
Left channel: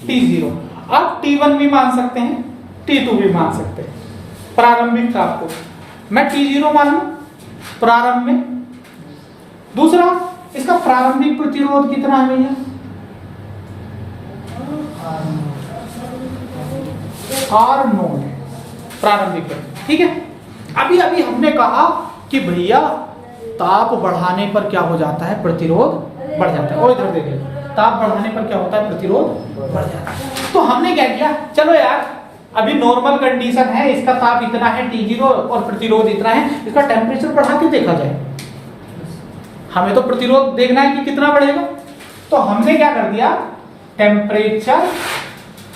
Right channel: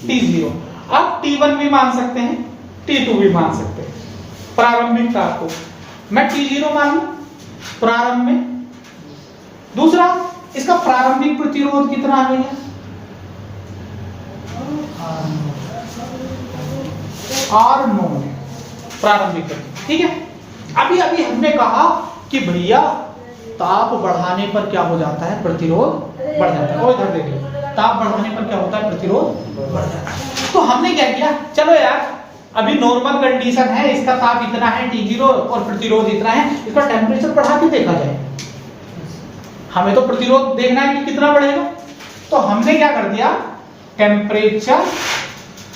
T0। अब T1 भी मान सकते हैं, T2 भी मान सकते हैं। प्रारंभिक ताप को मैं T0 मानूं प्रारंभ में। दूसरा, इसका प्रारंभिक प्रतिरोध कितना है भैया? R0 प्रारंभिक प्रतिरोध। ठीक है। अभी हमने कहा कि भैया ताप बढ़ाने पर क्या हो जाता है? प्रतिरोध बढ़ जाता है। और इधर देखिए, ताप बढ़ाने पर क्या होता है? प्रतिरोध बढ़ जाता है। तो हमने क्या किया, चलो यार अभी नॉर्मल कंडीशन है, इसका ताप इतना है T0 और प्रतिरोध इतना है, इसका टेम्परेचर बढ़ा के देखा जाए। हमें तो प्रतिरोध देखना है कि कितना बढ़ेगा। तो हमने क्या कर दिया? टेम्परेचर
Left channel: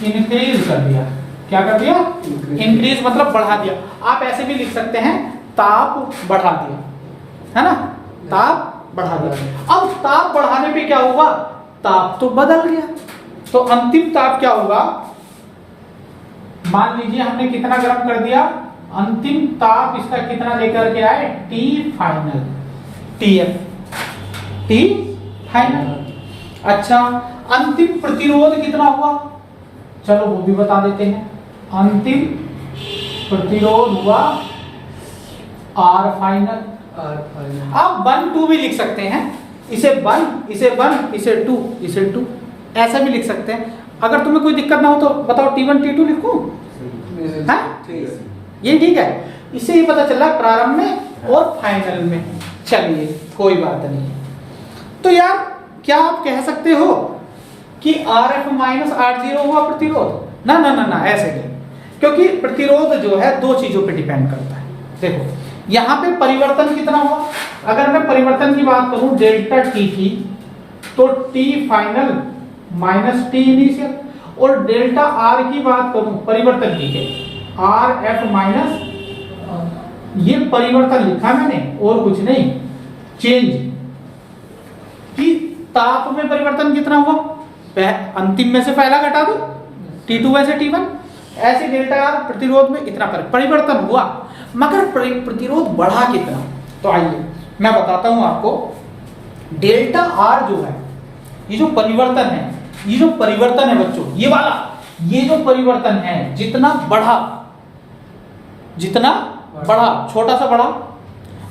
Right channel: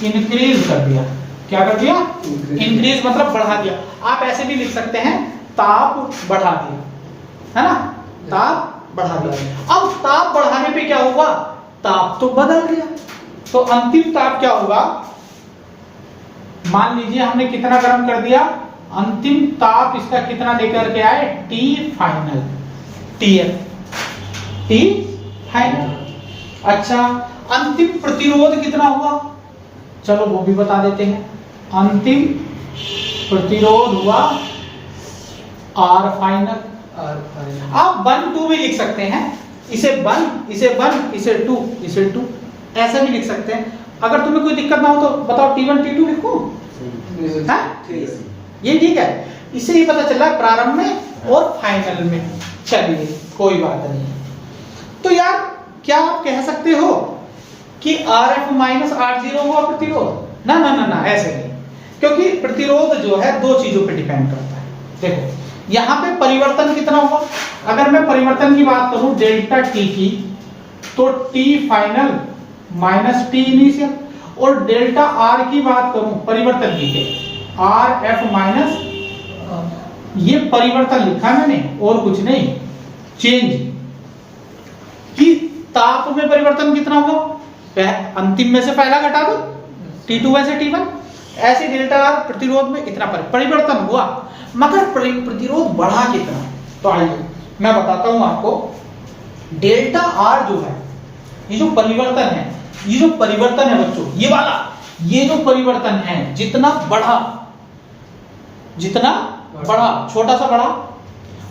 इंक्रीज कर दिया। क्या कर दिया? इंक्रीज मतलब बढ़ा दिया। आप ऐसे भी लिख सकते हैं, ताप बढ़ा दिया, है ना? ताप बढ़ा दिया। अब ताप बढ़ाने पे क्या होगा? ताप तो बदल गया। तो अंतिम ताप क्या होगा? मान लीजिए हमने कितना गर्म कर दिया, अंतिम ताप इसका कितना लेकर के आए? T final, T final. अच्छा, अंतिम प्रतिरोध कितना हुआ? चलो वो भी बता देते हैं। अंतिम प्रतिरोध हुआ R फाइनल। आप 1 2 भी लिख सकते हैं, इसे 1 इसे 2 ऐसे भी लिख सकते हैं। अगर तुम्हें कोई दिक्कत ना हो तो बताओ T1 T2 लिखूं? ये ठीक है। इससे ही पता चला प्रारंभ में और फाइनल में। चलिए कोई बात नहीं। तो यार क्या आप कह सकते हो कि Rf माइनस R0 हुआ प्रतिरोध? ना ना ना ना, ऐसे नहीं। क्योंकि प्रतिरोध जो है दो चीजों पे डिपेंड करता है। देखो यहां पे परिवर्तन कितना हुआ? अगर मैं परिवर्तन की बात करूं डेल्टा T की, तो T final minus T initial, और डेल्टा R की बात करूं परिवर्तन की, Rf माइनस, ये परिवर्तन लिखा मैंने और कुछ नहीं, चेंज कि ताप में परिवर्तन कितना हुआ? अंतिम में से पहला घटा दो, T2 में से T1, ऐसे डेल्टा R प्रतिरोध में इतना परिवर्तन हुआ, मगर प्रतिरोध बढ़ा कितना? तो आइए मैं बताता हूं आपको। डेल्टा R जो है, ये जो परिवर्तन है बच्चों, ये वाला, ये जो परिवर्तन है जितना बढ़ा, छोटा सा बढ़ा,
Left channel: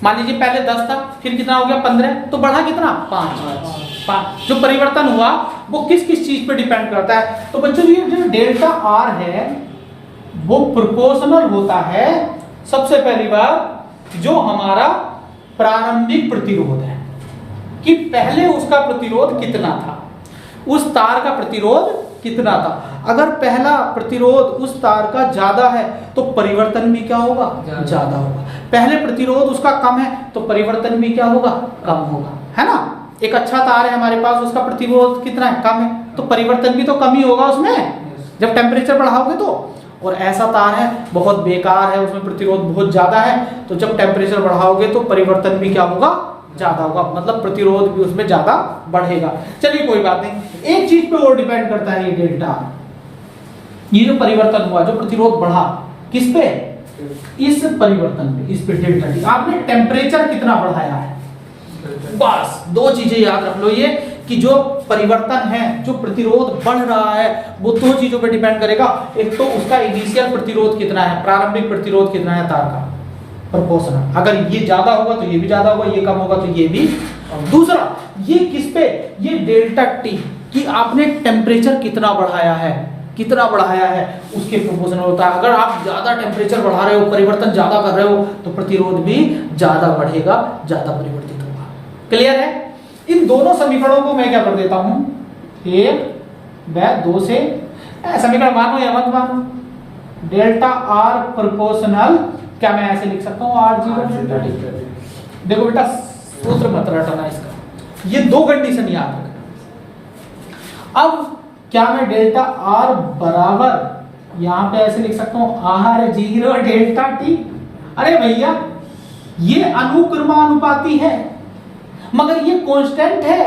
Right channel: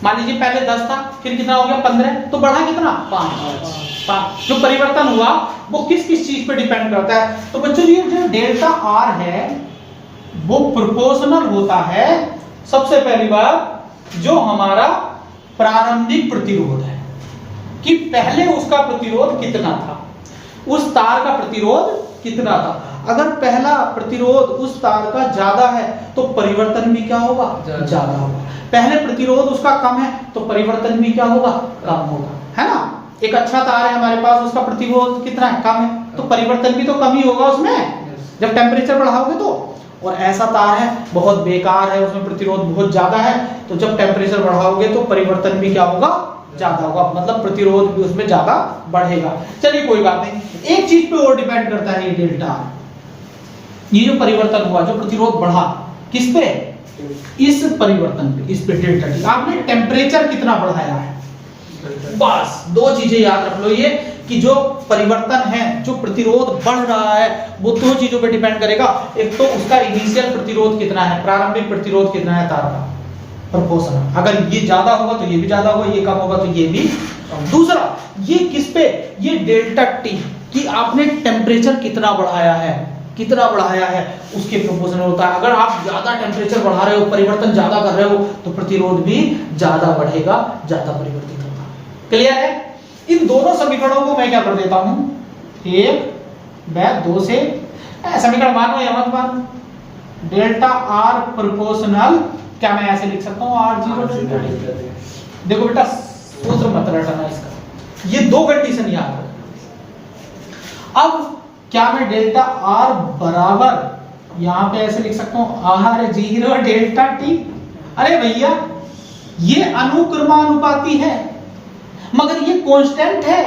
मान लीजिए पहले 10 था, फिर कितना हो गया? 15, तो बढ़ा कितना? 5। जो परिवर्तन हुआ वो किस किस चीज पे डिपेंड करता है? तो बच्चों ये जो डेल्टा R है वो प्रोपोर्शनल होता है, सबसे पहली बात, जो हमारा प्रारंभिक प्रतिरोध है, कि पहले उसका प्रतिरोध कितना था, उस तार का प्रतिरोध कितना था। अगर पहला प्रतिरोध उस तार का ज्यादा है तो परिवर्तन भी क्या होगा? ज्यादा होगा। पहले प्रतिरोध उसका कम है तो परिवर्तन भी क्या होगा? कम होगा, है ना? एक अच्छा तार है हमारे पास, उसका प्रतिरोध कितना है? कम है, तो परिवर्तन भी तो कम ही होगा उसमें जब टेम्परेचर बढ़ाओगे तो। और ऐसा तार है बहुत बेकार है, उसमें प्रतिरोध बहुत ज्यादा है, तो जब टेम्परेचर बढ़ाओगे तो परिवर्तन भी क्या होगा? ज्यादा होगा, मतलब प्रतिरोध भी उसमें ज्यादा बढ़ेगा। चलिए कोई बात नहीं। एक चीज पे और डिपेंड करता है ये डेल्टा R, ये जो परिवर्तन हुआ, जो प्रतिरोध बढ़ा, किस पे? इस परिवर्तन पे, इस पे डेल्टा T। आपने टेम्परेचर कितना बढ़ाया है, बस दो चीजें याद रख लो, ये कि जो परिवर्तन है, जो प्रतिरोध बढ़ रहा है, वो दो चीजों पे डिपेंड करेगा। एक तो उसका इनिशियल प्रतिरोध कितना है, प्रारंभिक प्रतिरोध कितना है तार का, प्रोपोर्शनल। अगर ये ज्यादा होगा तो ये भी ज्यादा होगा, ये कम होगा तो ये भी। दूसरा, ये किस पे? ये डेल्टा T, कि आपने टेम्परेचर कितना बढ़ाया है, उसके प्रोपोर्शनल होता है। अगर आप ज्यादा टेम्परेचर बढ़ा रहे हो, परिवर्तन ज्यादा कर रहे हो, तो प्रतिरोध भी ज्यादा बढ़ेगा, ज्यादा परिवर्तित होगा। क्लियर है? इन दोनों समीकरणों को मैं क्या कर देता हूं, 1/2 से समीकरण मानो या मत मानो, डेल्टा R प्रोपोर्शनल, क्या मैं ऐसे लिख सकता हूं R0? देखो बेटा सूत्र मत रटना इसका, ये दो कंडीशन याद रखना। अब क्या मैं डेल्टा आर बराबर यहां पे ऐसे लिख सकता हूं आर जीरो डेल्टा टी? अरे भैया ये अनुक्रमानुपाती है मगर ये कांस्टेंट है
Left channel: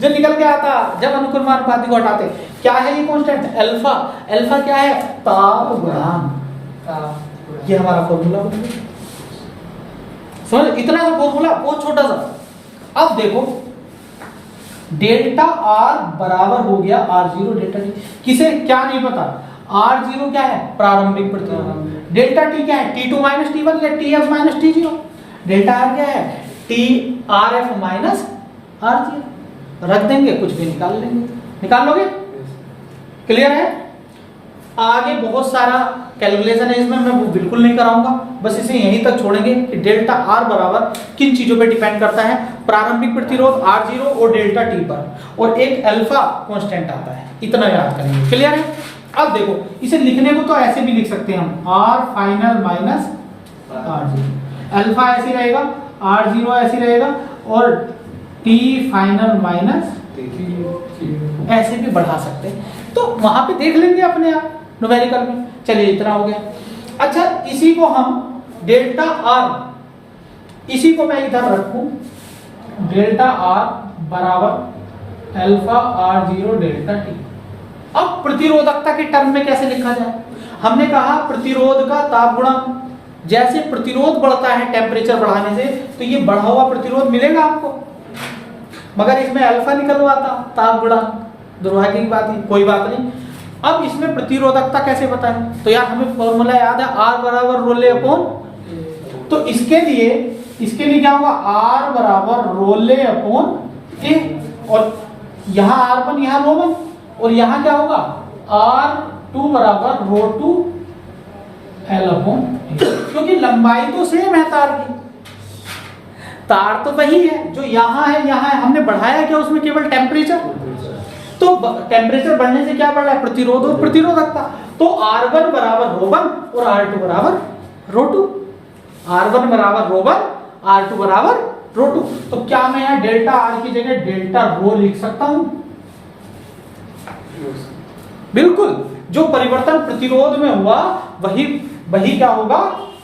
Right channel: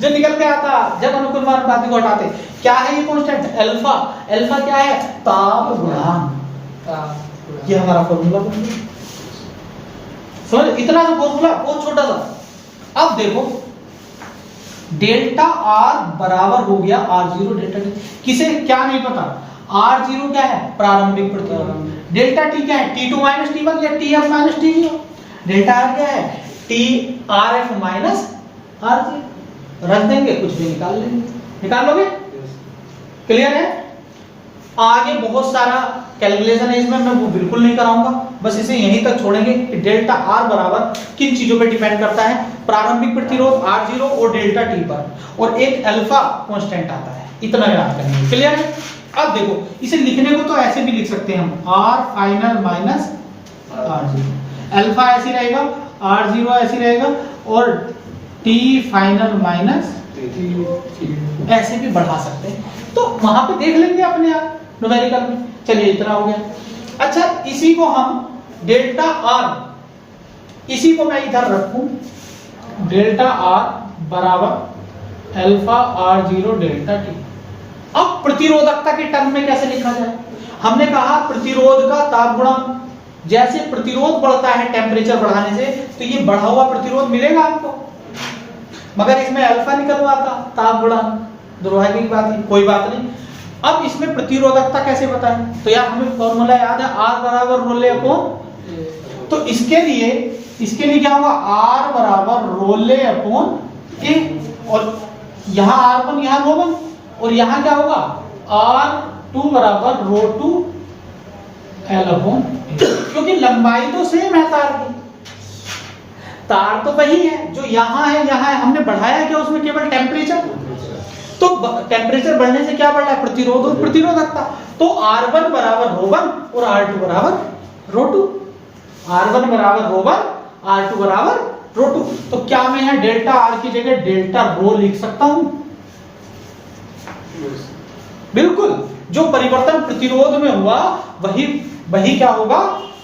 जो निकल के आता जब अनुक्रमानुपाती को हटाते। क्या है ये कांस्टेंट? अल्फा। अल्फा क्या है? ताप गुणांक। ये हमारा फॉर्मूला बन गया। समझ? इतना सा फॉर्मूला बहुत छोटा सा। अब देखो डेल्टा आर बराबर हो गया आर जीरो डेल्टा टी। किसे क्या नहीं पता? आर जीरो क्या है? प्रारंभिक प्रतिरोध। डेल्टा टी क्या है? T two minus T one या T F minus T zero. Delta R क्या है? T R F minus R zero. रख देंगे, कुछ भी निकाल लेंगे। निकाल लोगे? क्लियर है? आगे बहुत सारा कैलकुलेशन है इसमें, मैं वो बिल्कुल नहीं कराऊंगा, बस इसे यहीं तक छोड़ेंगे कि डेल्टा आर बराबर किन चीजों पे डिपेंड करता है? प्रारंभिक प्रतिरोध आर जीरो और डेल्टा टी पर, और एक अल्फा कांस्टेंट आता है। इतना याद करेंगे। क्लियर है? अब देखो इसे लिखने को तो ऐसे भी लिख सकते हैं हम, R final minus R zero. Alpha ऐसे रहेगा, आर जीरो ऐसे रहेगा, और टी फाइनल माइनस ऐसे भी बढ़ा सकते हैं। तो वहां पे देख लेंगे अपने आप न्यूमेरिकल में। चलिए इतना हो गया। अच्छा इसी को हम डेल्टा आर, इसी को मैं इधर रखूं, डेल्टा आर बराबर alpha R zero delta T. अब प्रतिरोधकता के टर्म में कैसे लिखा जाए? हमने कहा प्रतिरोध का ताप गुणांक। जैसे प्रतिरोध बढ़ता है टेम्परेचर बढ़ाने से, तो ये बढ़ा हुआ प्रतिरोध मिलेगा आपको, मगर इसमें अल्फा निकल हुआ था ताप गुणांक, दुर्भाग्य की बात है, कोई बात नहीं। अब इसमें प्रतिरोधकता कैसे बताएं? तो यार हमें फॉर्मूला याद है, आर बराबर रोले अपॉन। तो इसके लिए क्या होगा? आर बराबर रोले अपॉन ए, और यहां आर वन यहां रो वन, और यहां क्या होगा? आर टू बराबर रो टू एल अपॉन, क्योंकि लंबाई तो सेम है तार की, तार तो वही है जो यहां है यहां है। हमने बढ़ाया क्या उसमें? केवल टेम्परेचर। तो टेम्परेचर बढ़ने से क्या बढ़ रहा है? प्रतिरोध और प्रतिरोधकता। तो R1 बराबर रो वन और R2 बराबर रो टू। R1 बराबर रो वन, R2 बराबर रो टू। तो क्या मैं यहाँ डेल्टा R की जगह डेल्टा रो लिख सकता हूं? बिल्कुल। जो परिवर्तन प्रतिरोध में हुआ वही क्या होगा?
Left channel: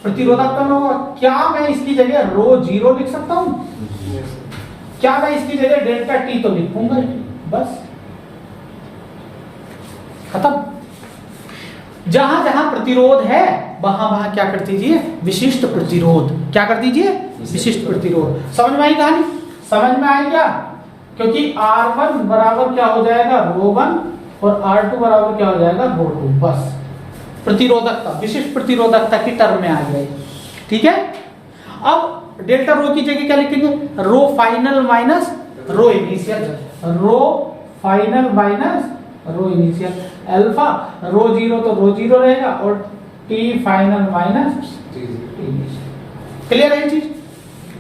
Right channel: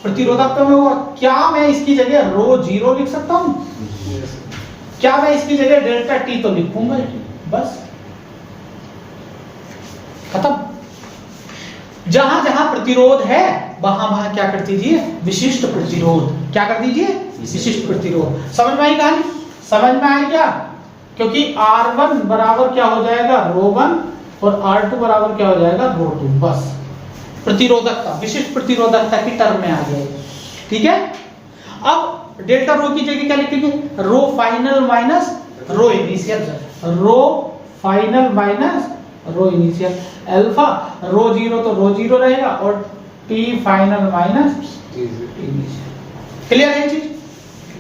प्रतिरोधकता में होगा। क्या मैं इसकी जगह रो जीरो लिख सकता हूं? क्या मैं इसकी जगह डेल्टा टी तो लिखूंगा ही, बस खत्म। जहां जहां प्रतिरोध है वहां वहां क्या कर दीजिए? विशिष्ट प्रतिरोध। क्या कर दीजिए? विशिष्ट प्रतिरोध। समझ में आई कहानी? समझ में आई क्या? क्योंकि R1 बराबर क्या हो जाएगा? रो वन, और R2 बराबर क्या हो जाएगा? रो टू। बस प्रतिरोधकता, विशिष्ट प्रतिरोधकता की टर्म में आ जाएगी। ठीक है? अब डेल्टा रो की जगह क्या लिखेंगे? Rho final minus rho initial. Rho final minus rho initial. Alpha rho zero तो रो जीरो रहेगा, और T final minus T initial. Clear है चीज?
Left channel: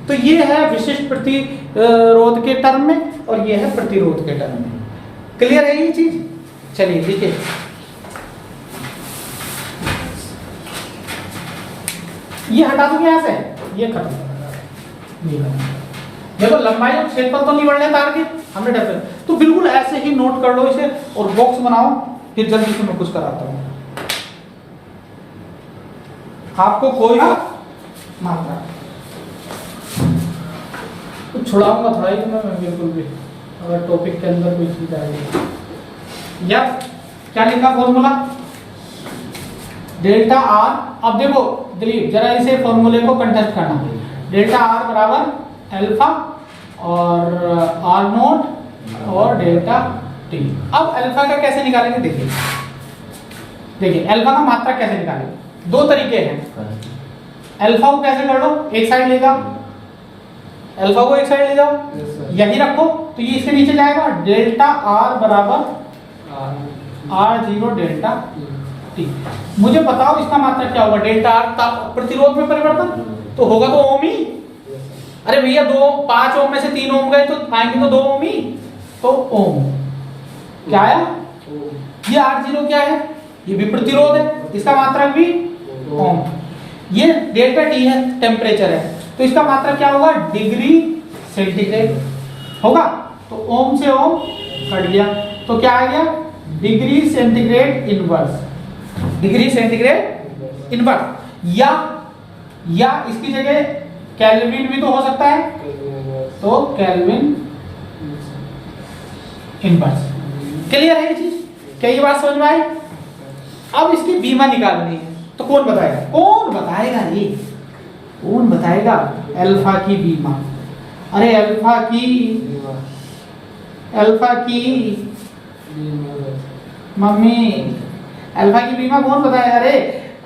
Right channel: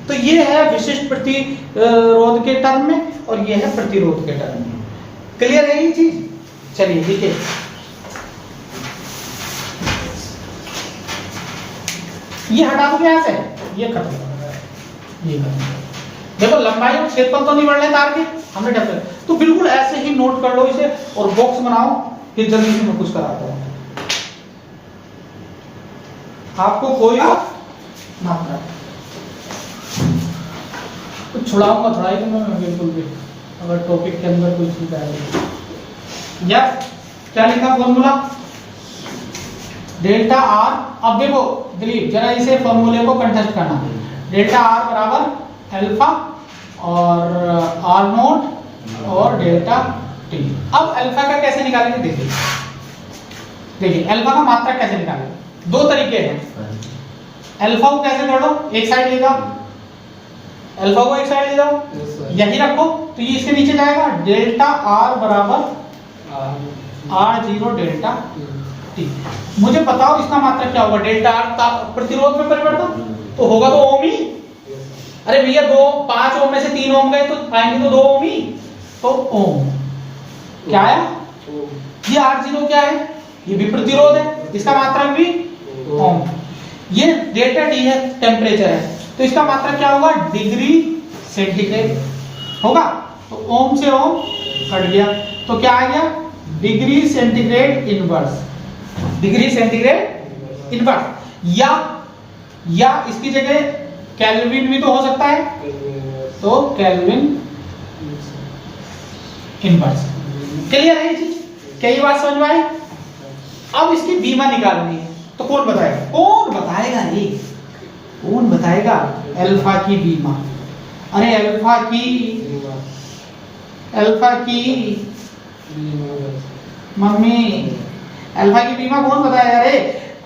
तो ये है विशिष्ट प्रतिरोध के टर्म में, और ये है प्रतिरोध के टर्म में। क्लियर है ये चीज? चलिए लिखिए। ये हटा दूंगा यहां से, ये खत्म कर दो, ये खत्म। देखो लंबाई और क्षेत्रफल तो नहीं बढ़ रहे तार के, हमने डेफिनेट, तो बिल्कुल ऐसे ही नोट कर लो इसे और बॉक्स बनाओ, फिर जल्दी से मैं कुछ कराता हूं आपको। कोई मात्रा कुछ छुड़ाऊंगा थोड़ा ही, तो मैं बिल्कुल भी, अगर टॉपिक के अंदर कोई चीज आएगी। या क्या लिखा फॉर्मूला? Delta R. अब देखो दिलीप जरा इसे फॉर्मूले को कंटेस्ट करना। डेल्टा आर बराबर अल्फा और आर नोट और डेल्टा टी। अब अल्फा का कैसे निकालेंगे? देखिए अल्फा का मात्रा कैसे निकालेंगे? दो तरीके हैं। अल्फा को कैसे कर लो? एक साइड ले जाओ, अल्फा को एक साइड ले जाओ, यही रखो, तो ये इसके नीचे जाएगा। डेल्टा आर बराबर आर जीरो डेल्टा टी। मुझे बताओ इसका मात्रा क्या होगा? डेल्टा आर प्रतिरोध में परिवर्तन तो होगा तो ओम ही। अरे भैया 5 ओम में से 3 ओम गए तो आएंगे तो 2 ओम ही, तो ओम क्या है? ये आर जीरो क्या है? ये भी प्रतिरोध है, इसका मात्रा भी ओम। ये डेल्टा टी है, टेम्परेचर है, तो इसका मात्रा क्या होगा? Degree centigrade. होगा। तो ओम से ओम कट गया, तो क्या आ गया? Degree centigrade inverse, degree centigrade inverse. या इसकी जगह केल्विन भी तो हो सकता है, तो केल्विन इनवर्स। क्लियर है ये चीज? क्या ये बात समझ में आई? अब इसकी बीमा निकालनी है, तो कौन बताएगा? कौन बताएगा ये? कौन बताएगा अल्फा की बीमा? अरे अल्फा की मम्मी, अल्फा की बीमा कौन बताएगा?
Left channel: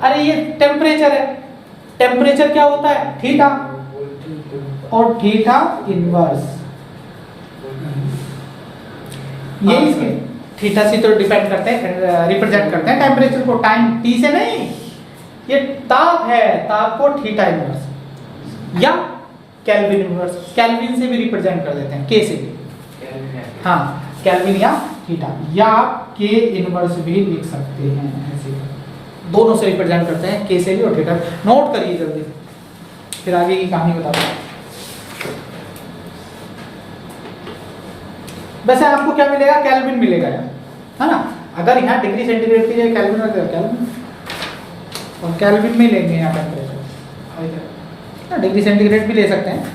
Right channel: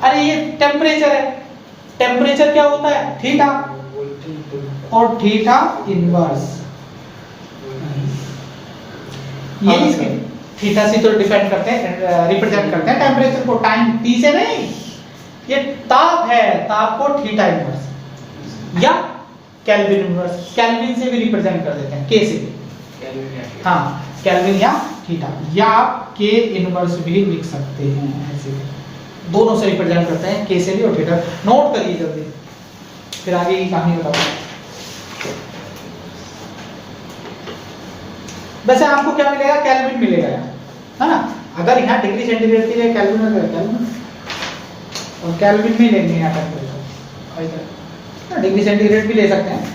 अरे ये टेम्परेचर है। टेम्परेचर क्या होता है? थीटा, और थीटा इनवर्स। ये इसके थीटा से तो डिपेंड करते हैं, रिप्रेजेंट करते हैं टेम्परेचर को, टाइम टी से नहीं। ये ताप है, ताप को थीटा इनवर्स या केल्विन इनवर्स, केल्विन से भी रिप्रेजेंट कर देते हैं, के से भी। हाँ, केल्विन या थीटा, या के इनवर्स भी लिख सकते हैं, ऐसे दोनों से रिप्रेजेंट करते हैं, के से भी और थीटा। नोट करिए जल्दी, फिर आगे की कहानी बताऊंगा। वैसे आपको क्या मिलेगा? केल्विन मिलेगा, है ना? अगर यहाँ डिग्री सेंटीग्रेड की जगह केल्विन में केल्विन, और केल्विन में लेंगे यहाँ टेम्परेचर, डिग्री सेंटीग्रेड भी ले सकते हैं।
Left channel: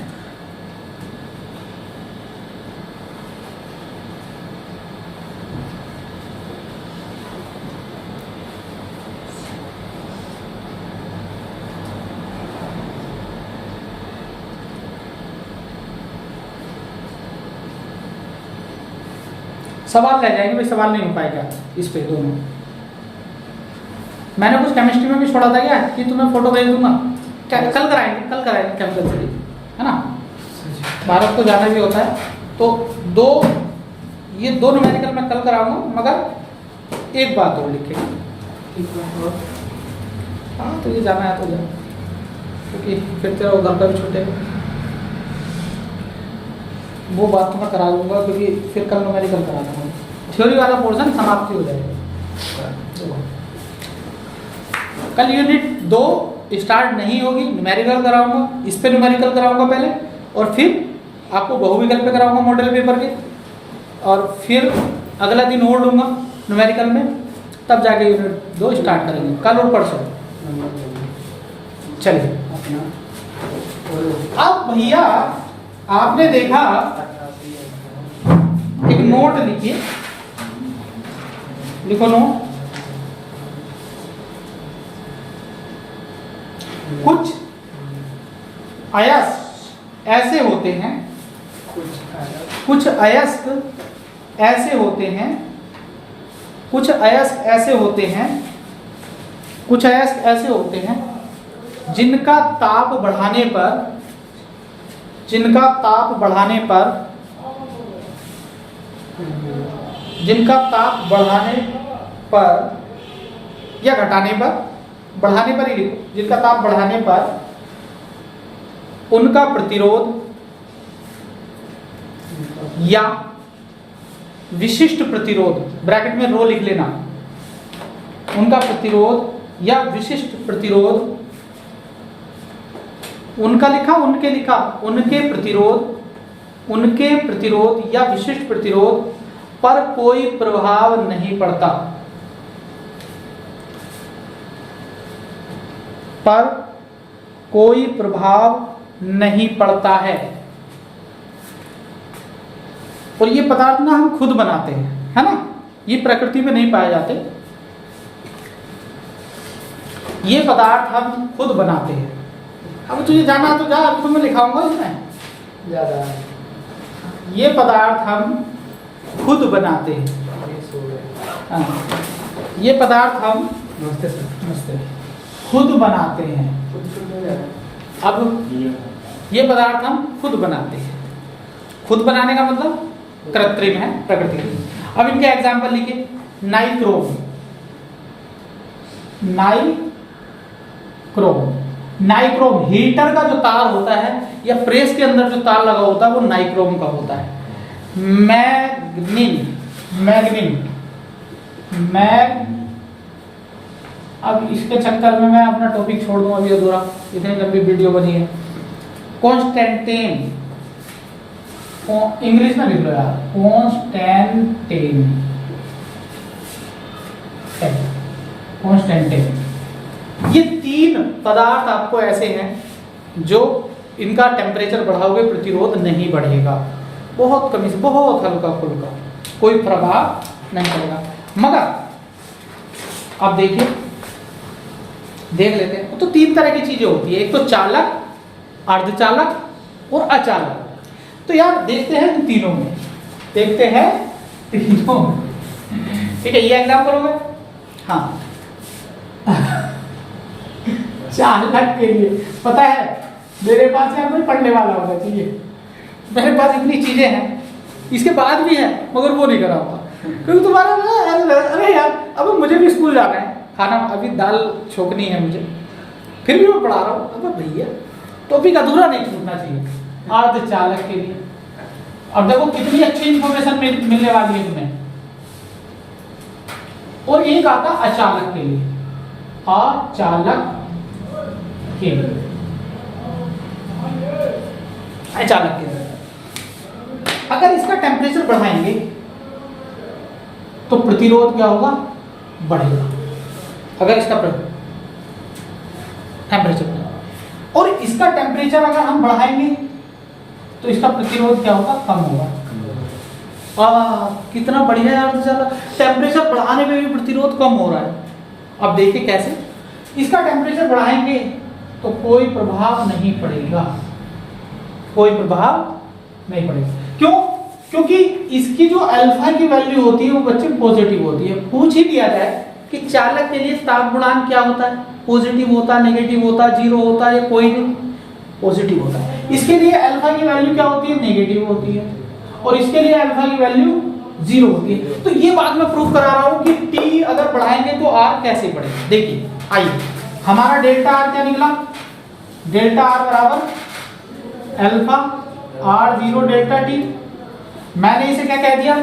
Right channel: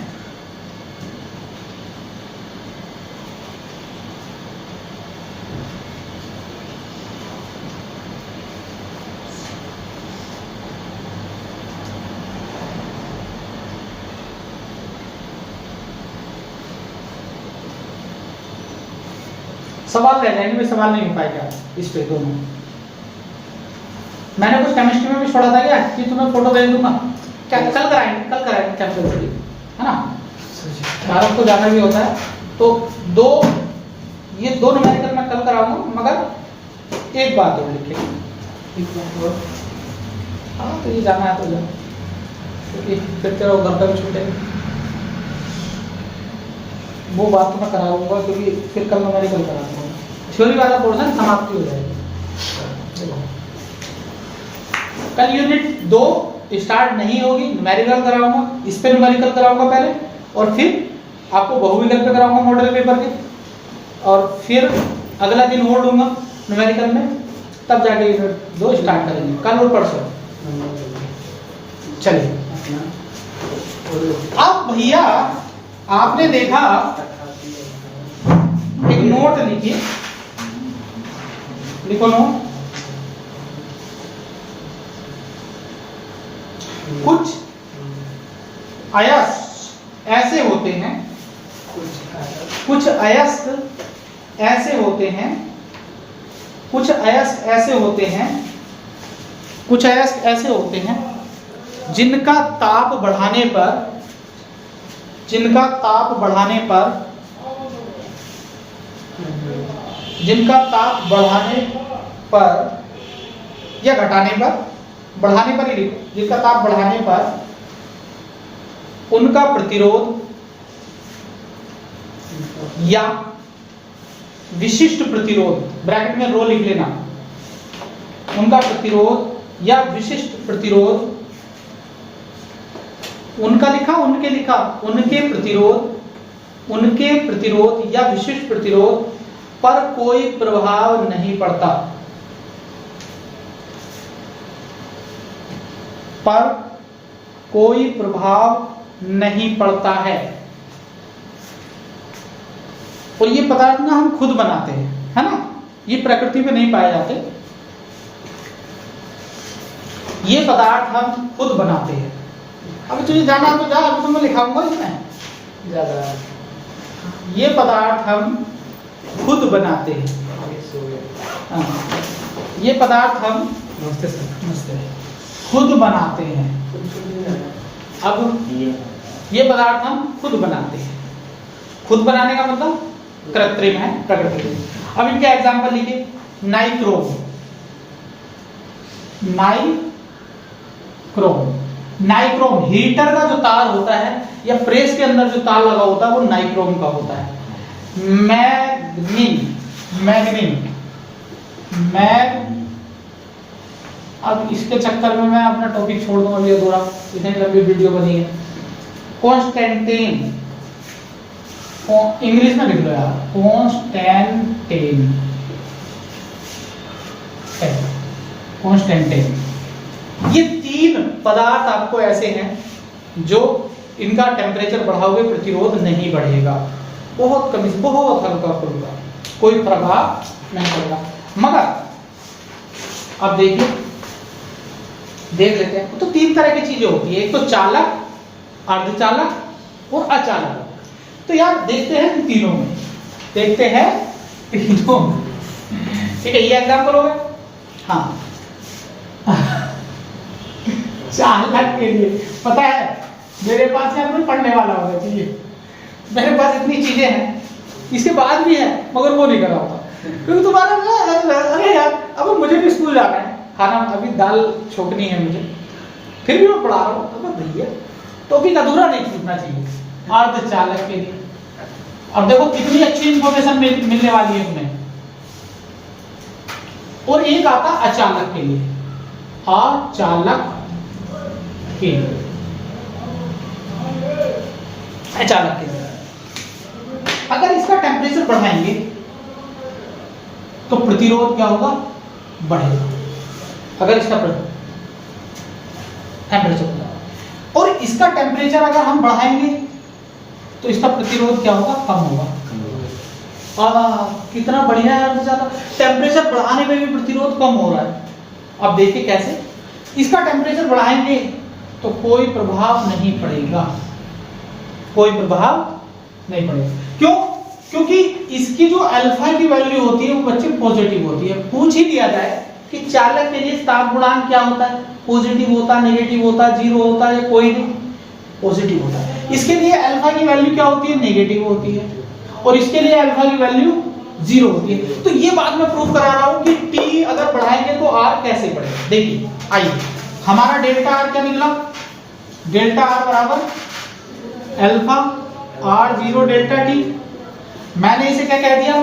सवाल रह जाएंगे, भाई सवाल नहीं हो पाएगा इस पे दोनों। मैंने कुछ केमिस्ट्री में भी छोड़ा था क्या कि तुम्हें फोटो भेज दूंगा, क्या कल कराएंगे कैंपस से, है ना? भारत को जाना भी होता है, तो ये दो न्यूमेरिकल मैं कल कराऊंगा, मगर एक बात और लिखे, एक बात और। हाँ, तो ये जाना है तो जाओ, क्योंकि फिर तेरा घर पर भी छूटेगा। वो बात मैं करा लूंगा, क्योंकि फिर कल न्यूमेरिकल करा दूंगा, थ्योरी वाला पोर्शन समाप्ति हो जाएगा। कल यूनिट 2 स्टार्ट नहीं होगी, न्यूमेरिकल कराऊंगा, इस पे न्यूमेरिकल कराऊंगा पहले, और फिर आपको बहुविकल्प पे कराऊंगा मॉडल पेपर के, और फिर अगला दिन और लूंगा न्यूमेरिकल में, तब जाके यूनिट 2 स्टार्ट करेंगे, कल और परसों। चलिए, अब भैया आपने देखा, एक नोट लिखिए, लिखो नोट। कुछ अयस्क ऐसे होते हैं, कुछ अयस्क ऐसे होते हैं, कुछ अयस्क ऐसे होते हैं, कुछ अयस्क ऐसे होते हैं जिनका ताप बढ़ाने पर, जिनका ताप बढ़ाने पर, जिनका ताप बढ़ाने पर या घटाने पर, बढ़ाने पर ही लिखो, जिनका ताप बढ़ाने पर उनका प्रतिरोध या विशिष्ट प्रतिरोध, ब्रैकेट में रो लिख लेना, उनका प्रतिरोध या विशिष्ट प्रतिरोध, उनका लिखा, उनके लिखा, उनके प्रतिरोध या विशिष्ट प्रतिरोध पर कोई प्रभाव नहीं पड़ता, पर कोई प्रभाव नहीं पड़ता है। और ये पदार्थ ना हम खुद बनाते हैं, है ना? ये प्रकृति में नहीं पाए जाते, ये पदार्थ हम खुद बनाते हैं। अब तुझे जाना तो जा, अब तो मैं लिखाऊंगा इसमें ज्यादा। ये पदार्थ हम खुद बनाते हैं, ये पदार्थ हम, नमस्ते सर, नमस्ते, खुद बनाते हैं। अब ये पदार्थ हम खुद बनाते हैं, खुद बनाने का मतलब कृत्रिम है, प्रकृति में। अब इनके एग्जाम्पल लिखिए, नाइक्रोम, नाइक्रोम हीटर का जो तार होता है या प्रेस के अंदर जो तार लगा होता है वो नाइक्रोम का होता है। मैग्नीन, अब इसके चक्कर में मैं अपना टॉपिक छोड़ दूं अभी अधूरा, इतनी लंबी वीडियो बनी है। कॉन्स्टेंटीन, इंग्लिश में लिख लो यार, कॉन्स्टेंटेन। ये तीन पदार्थ आपको ऐसे हैं जो इनका टेम्परेचर बढ़ाओगे प्रतिरोध नहीं बढ़ेगा, बहुत कम, बहुत हल्का फुल्का, कोई प्रभाव नहीं पड़ेगा। मगर आप देखिए, देख लेते हैं। तो तीन तरह की चीजें होती है, एक तो चालक, अर्धचालक और अचालक। तो यार देखते हैं इन तीनों में, देखते हैं तीनों में, ठीक है। ये एग्जाम करोगे, हाँ। चालक के लिए पता है मेरे पास यार कोई पढ़ने वाला होगा चाहिए, मेरे पास इतनी चीजें हैं, इसके बाद भी है मगर वो नहीं करा होगा क्योंकि तुम्हारा अरे यार अब मुझे भी स्कूल जाना है, खाना अभी दाल छोकनी है मुझे, फिर भी मैं पढ़ा रहा हूँ। अब भैया टॉपिक अधूरा नहीं छूटना चाहिए। अर्धचालक के लिए अब देखो कितनी अच्छी इंफॉर्मेशन मिलने वाली है तुम्हें। और एक आता अचालक के लिए, अचालक के लिए, अचालक के लिए अगर इसका टेम्परेचर बढ़ाएंगे तो प्रतिरोध क्या होगा, बढ़ेगा। अगर इसका टेम्परेचर और इसका टेम्परेचर अगर हम बढ़ाएंगे तो इसका प्रतिरोध क्या होगा, कम होगा। कितना बढ़िया है, ज्यादा टेम्परेचर बढ़ाने में भी प्रतिरोध कम हो रहा है। अब देखिए कैसे, इसका टेम्परेचर बढ़ाएंगे तो कोई प्रभाव नहीं पड़ेगा, कोई प्रभाव नहीं पड़ेगा। क्यों? क्योंकि इसकी जो अल्फा की वैल्यू होती है वो बच्चे पॉजिटिव होती है। पूछ ही दिया जाए कि चालक के लिए ताप गुणांक क्या होता है, पॉजिटिव होता है, नेगेटिव होता है, जीरो होता है या कोई नहीं, पॉजिटिव होता है। इसके लिए अल्फा की वैल्यू क्या होती है, नेगेटिव होती है, और इसके लिए अल्फा की वैल्यू जीरो होती है। तो ये बात मैं प्रूव करा रहा हूं कि टी अगर बढ़ाएंगे तो आर कैसे बढ़ेगा। देखिए आइए, हमारा डेल्टा आर क्या निकला, डेल्टा आर बराबर alpha R zero delta T. मैंने इसे क्या कह दिया,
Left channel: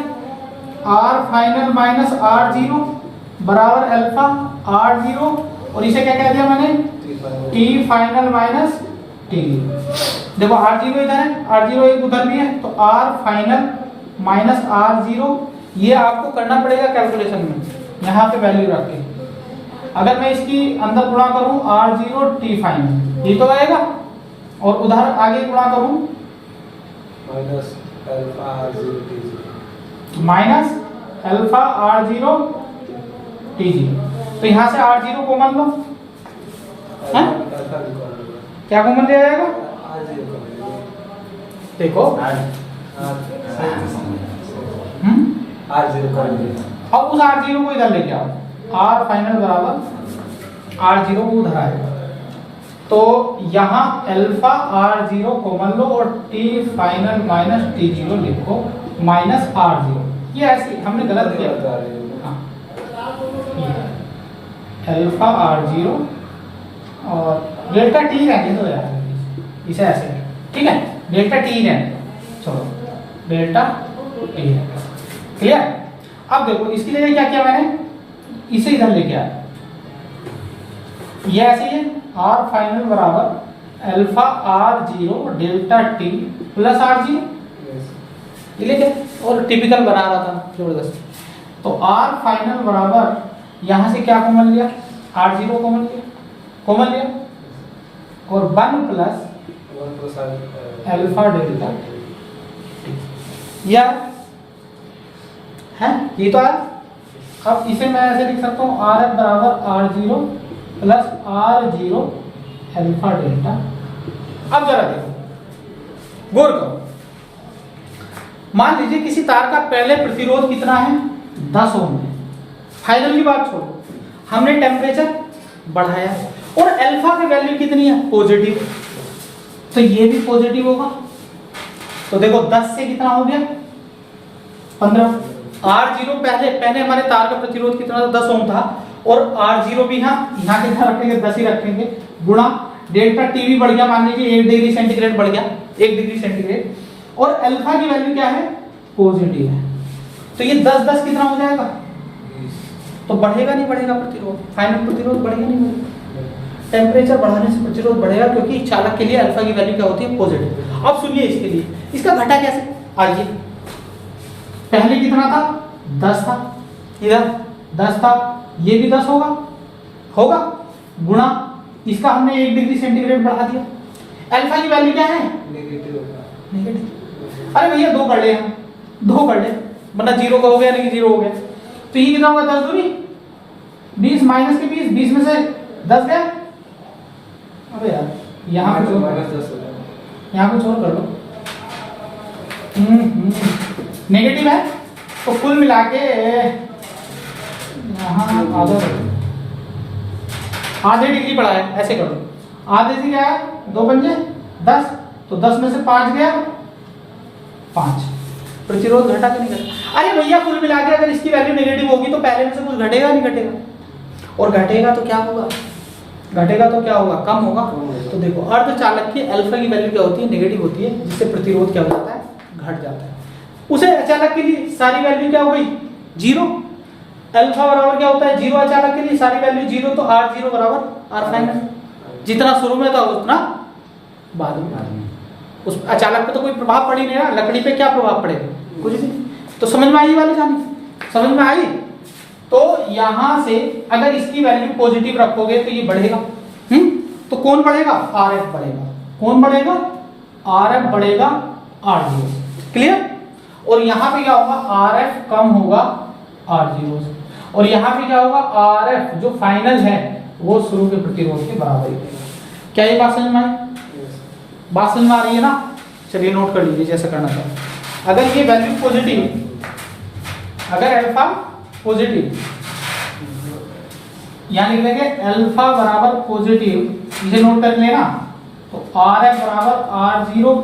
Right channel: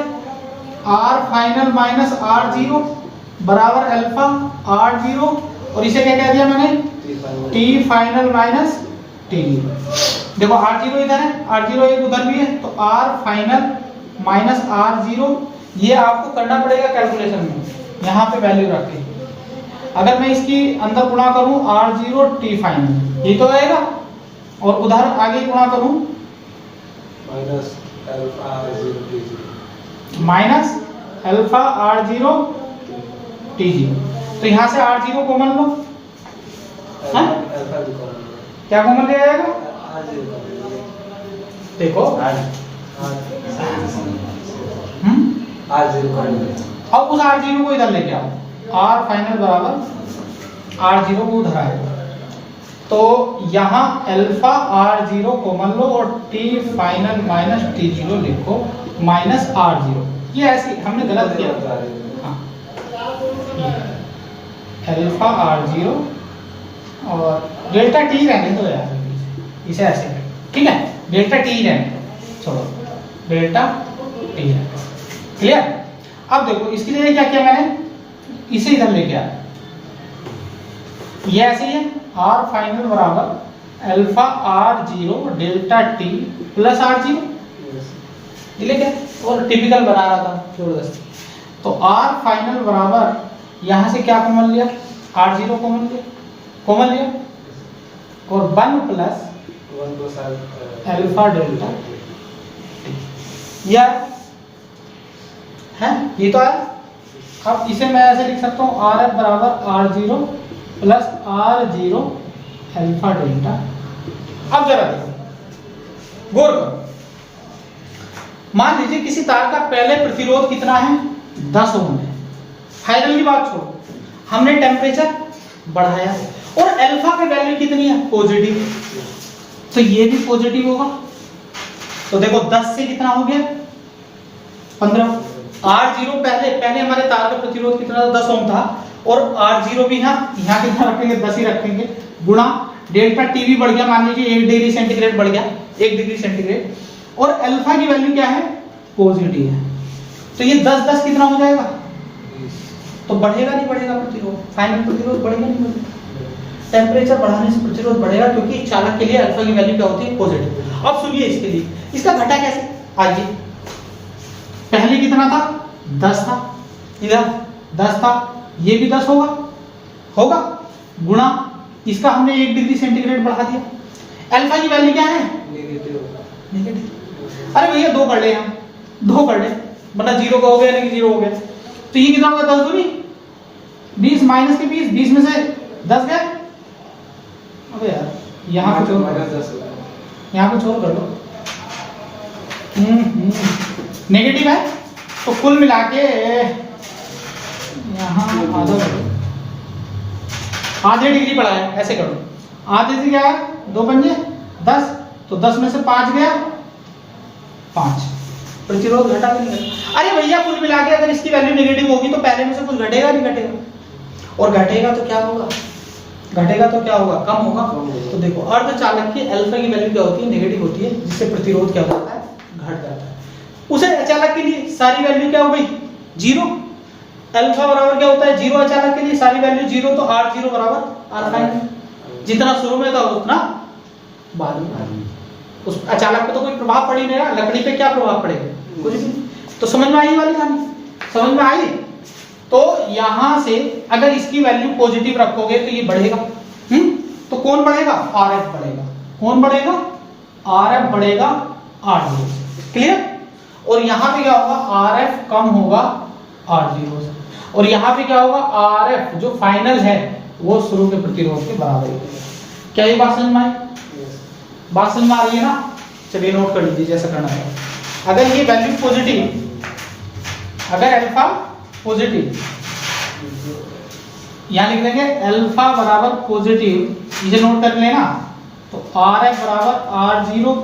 R final minus R zero बराबर अल्फा आर जीरो, और इसे क्या कह दिया मैंने, T final minus T zero. देखो आर जीरो इधर है, आर जीरो एक उधर भी है, तो R final minus R zero, ये आपको करना पड़ेगा कैलकुलेशन में, यहाँ पे वैल्यू रख के। अगर मैं इसकी अंदर गुणा करूं आर जीरो टी फाइनल, ये तो आएगा, और उधर आगे गुणा करूं minus alpha R zero T zero, minus alpha R zero T zero. तो यहाँ से आर जीरो कॉमन लो, अल्फा जीरो क्या कॉमन लिया जाएगा, आर जीरो, देखो आर जीरो कर दिया। अब उस आर जीरो को इधर लेके आओ, आर फाइनल बराबर आर जीरो को उधर आएगा, तो यहाँ अल्फा आर जीरो कॉमन लो और T final minus T zero लिखो, माइनस आर जीरो। ये ऐसे हमने गलत किया, हाँ अल्फा आर जीरो और डेल्टा टी रहने दो यार, इसे ऐसे है, ठीक है, डेल्टा टी रहने दो, छोड़ो डेल्टा टी है, क्लियर। अब देखो इसके लिए क्या किया मैंने, इसे इधर लेके आया, ये ऐसे ही है, आर फाइनल बराबर alpha R zero delta T plus R zero, ये लेके और टिपिकल बना रहा था जबरदस्त। तो आर फाइनल बराबर यहाँ से क्या कॉमन लिया, आर जीरो कॉमन लिया और one plus alpha delta T, यार है ये तो है। अब इसे मैं ऐसे लिख सकता हूँ, आर एफ बराबर R zero plus R zero alpha delta. अब जरा देखो, गौर करो, मान लीजिए किसी तार का पहले प्रतिरोध कितना है, 10 ओम है। फाइनल की बात छोड़ो, हमने टेम्परेचर बढ़ाया और अल्फा की वैल्यू कितनी है, पॉजिटिव, तो ये भी पॉजिटिव होगा। तो देखो 10 से कितना हो गया, 15। आर जीरो पहले हमारे तार का प्रतिरोध कितना था, 10 ओम था, और आर जीरो भी यहाँ कितना रखेंगे, 10 ही रखेंगे, गुणा डेल्टा टी भी बढ़ गया, मान लीजिए 1 डिग्री सेंटीग्रेड बढ़ गया, 1 डिग्री सेंटीग्रेड, और अल्फा की वैल्यू क्या है, पॉजिटिव है। तो ये 10 कितना हो जाएगा, तो बढ़ेगा नहीं बढ़ेगा प्रतिरोध, फाइनल प्रतिरोध बढ़ेगा नहीं बढ़ेगा। टेम्परेचर बढ़ाने से प्रतिरोध बढ़ेगा, क्योंकि चालक के लिए अल्फा की वैल्यू क्या होती है, पॉजिटिव। अब सुनिए इसके लिए, इसका घटा कैसे, आइए, पहले कितना था? 10 था, इधर 10 था, ये भी 10 होगा, होगा, गुणा इसका हमने 1 डिग्री सेंटीग्रेड बढ़ा दिया। अल्फा की वैल्यू क्या है? नेगेटिव होगा। नेगेटिव। अरे भैया 2 कर ले, हम 2 कर ले, मतलब 0 का हो गया, नहीं 0 हो गया, तो ये कितना होगा? 10 दूनी 20 माइनस के 20, 20 में से 10 गया। अबे यार यहाँ कुछ और, यहाँ कुछ और कर लो। नेगेटिव है तो कुल मिला के यहाँ आधे डिग्री बढ़ा है, ऐसे करो, आधे से क्या है? 2 पंजे 10, तो 10 में से 5 गया, 5, प्रतिरोध घटा कि नहीं घटा? अरे भैया कुल मिला के अगर इसकी वैल्यू नेगेटिव होगी तो पहले में से कुछ घटेगा नहीं घटेगा? और घटेगा तो क्या होगा? घटेगा तो क्या होगा? कम होगा। तो देखो अर्धचालक की अल्फा की वैल्यू क्या होती है? नेगेटिव होती है, जिससे प्रतिरोध क्या होता है? घट जाता है। उसे अचालक के लिए सारी वैल्यू क्या हो गई? 0। अल्फा बराबर क्या होता है? 0 अचालक के लिए सारी वैल्यू 0, तो R0 बराबर R फाइनल, जितना शुरू में था उतना बाद में। उस अचालक पे तो कोई प्रभाव पड़ ही नहीं रहा, लकड़ी पे क्या प्रभाव पड़ेगा? कुछ भी। तो समझ में आई वाली कहानी? समझ में आई? तो यहां से अगर इसकी वैल्यू पॉजिटिव रखोगे तो ये बढ़ेगा, तो कौन बढ़ेगा? RF बढ़ेगा। कौन बढ़ेगा? RF बढ़ेगा R0। क्लियर? और यहां पे क्या होगा? RF कम होगा R0 से, और यहां पे क्या होगा? RF जो फाइनल है वो शुरू के प्रतिरोध के बराबर है। क्या ये बात समझ में आई? बात समझ में आ रही है ना? चलिए नोट कर लीजिए जैसे करना है। अगर ये वैल्यू पॉजिटिव, अगर अल्फा पॉजिटिव, यहां लिख देंगे अल्फा बराबर पॉजिटिव, इसे नोट कर लेना, तो RF बराबर R0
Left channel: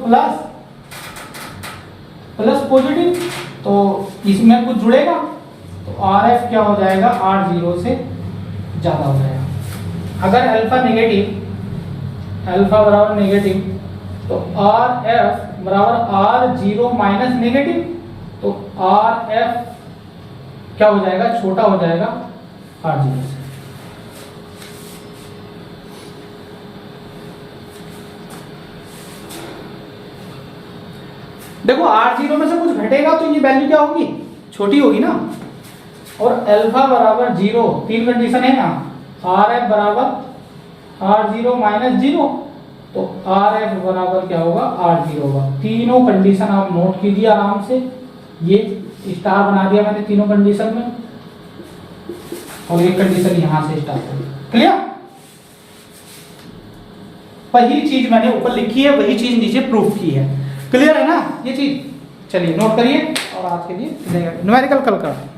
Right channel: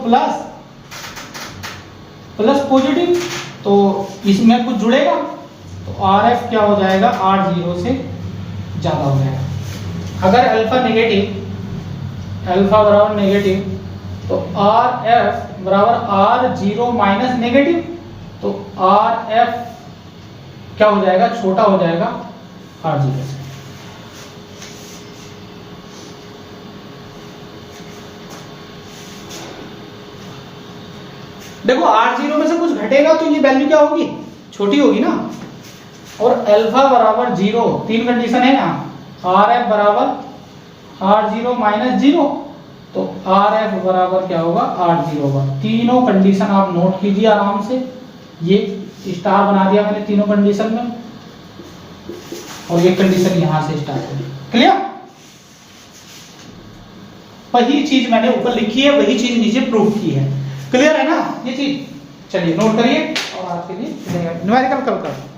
प्लस पॉजिटिव, तो इसमें कुछ जुड़ेगा तो RF क्या हो जाएगा? R0 से ज्यादा हो जाएगा। अगर अल्फा नेगेटिव, अल्फा बराबर नेगेटिव, तो RF बराबर R0 माइनस नेगेटिव, तो RF क्या हो जाएगा? छोटा हो जाएगा R0 से। देखो R0 में से कुछ घटेगा तो ये वैल्यू क्या होगी? छोटी होगी ना। और अल्फा बराबर 0, 3 कंडीशन है यहाँ, RF बराबर R0 माइनस 0, तो RF बराबर क्या होगा? R0 होगा। तीनों कंडीशन आप नोट कीजिए आराम से, ये स्टार बना दिया मैंने तीनों कंडीशन में, और ये कंडीशन यहां से स्टार्ट होगी। क्लियर? वही चीज मैंने ऊपर लिखी है, वही चीज नीचे प्रूफ की है। क्लियर है ना ये चीज? चलिए नोट करिए, और आज के लिए न्यूमेरिकल कल करते हैं।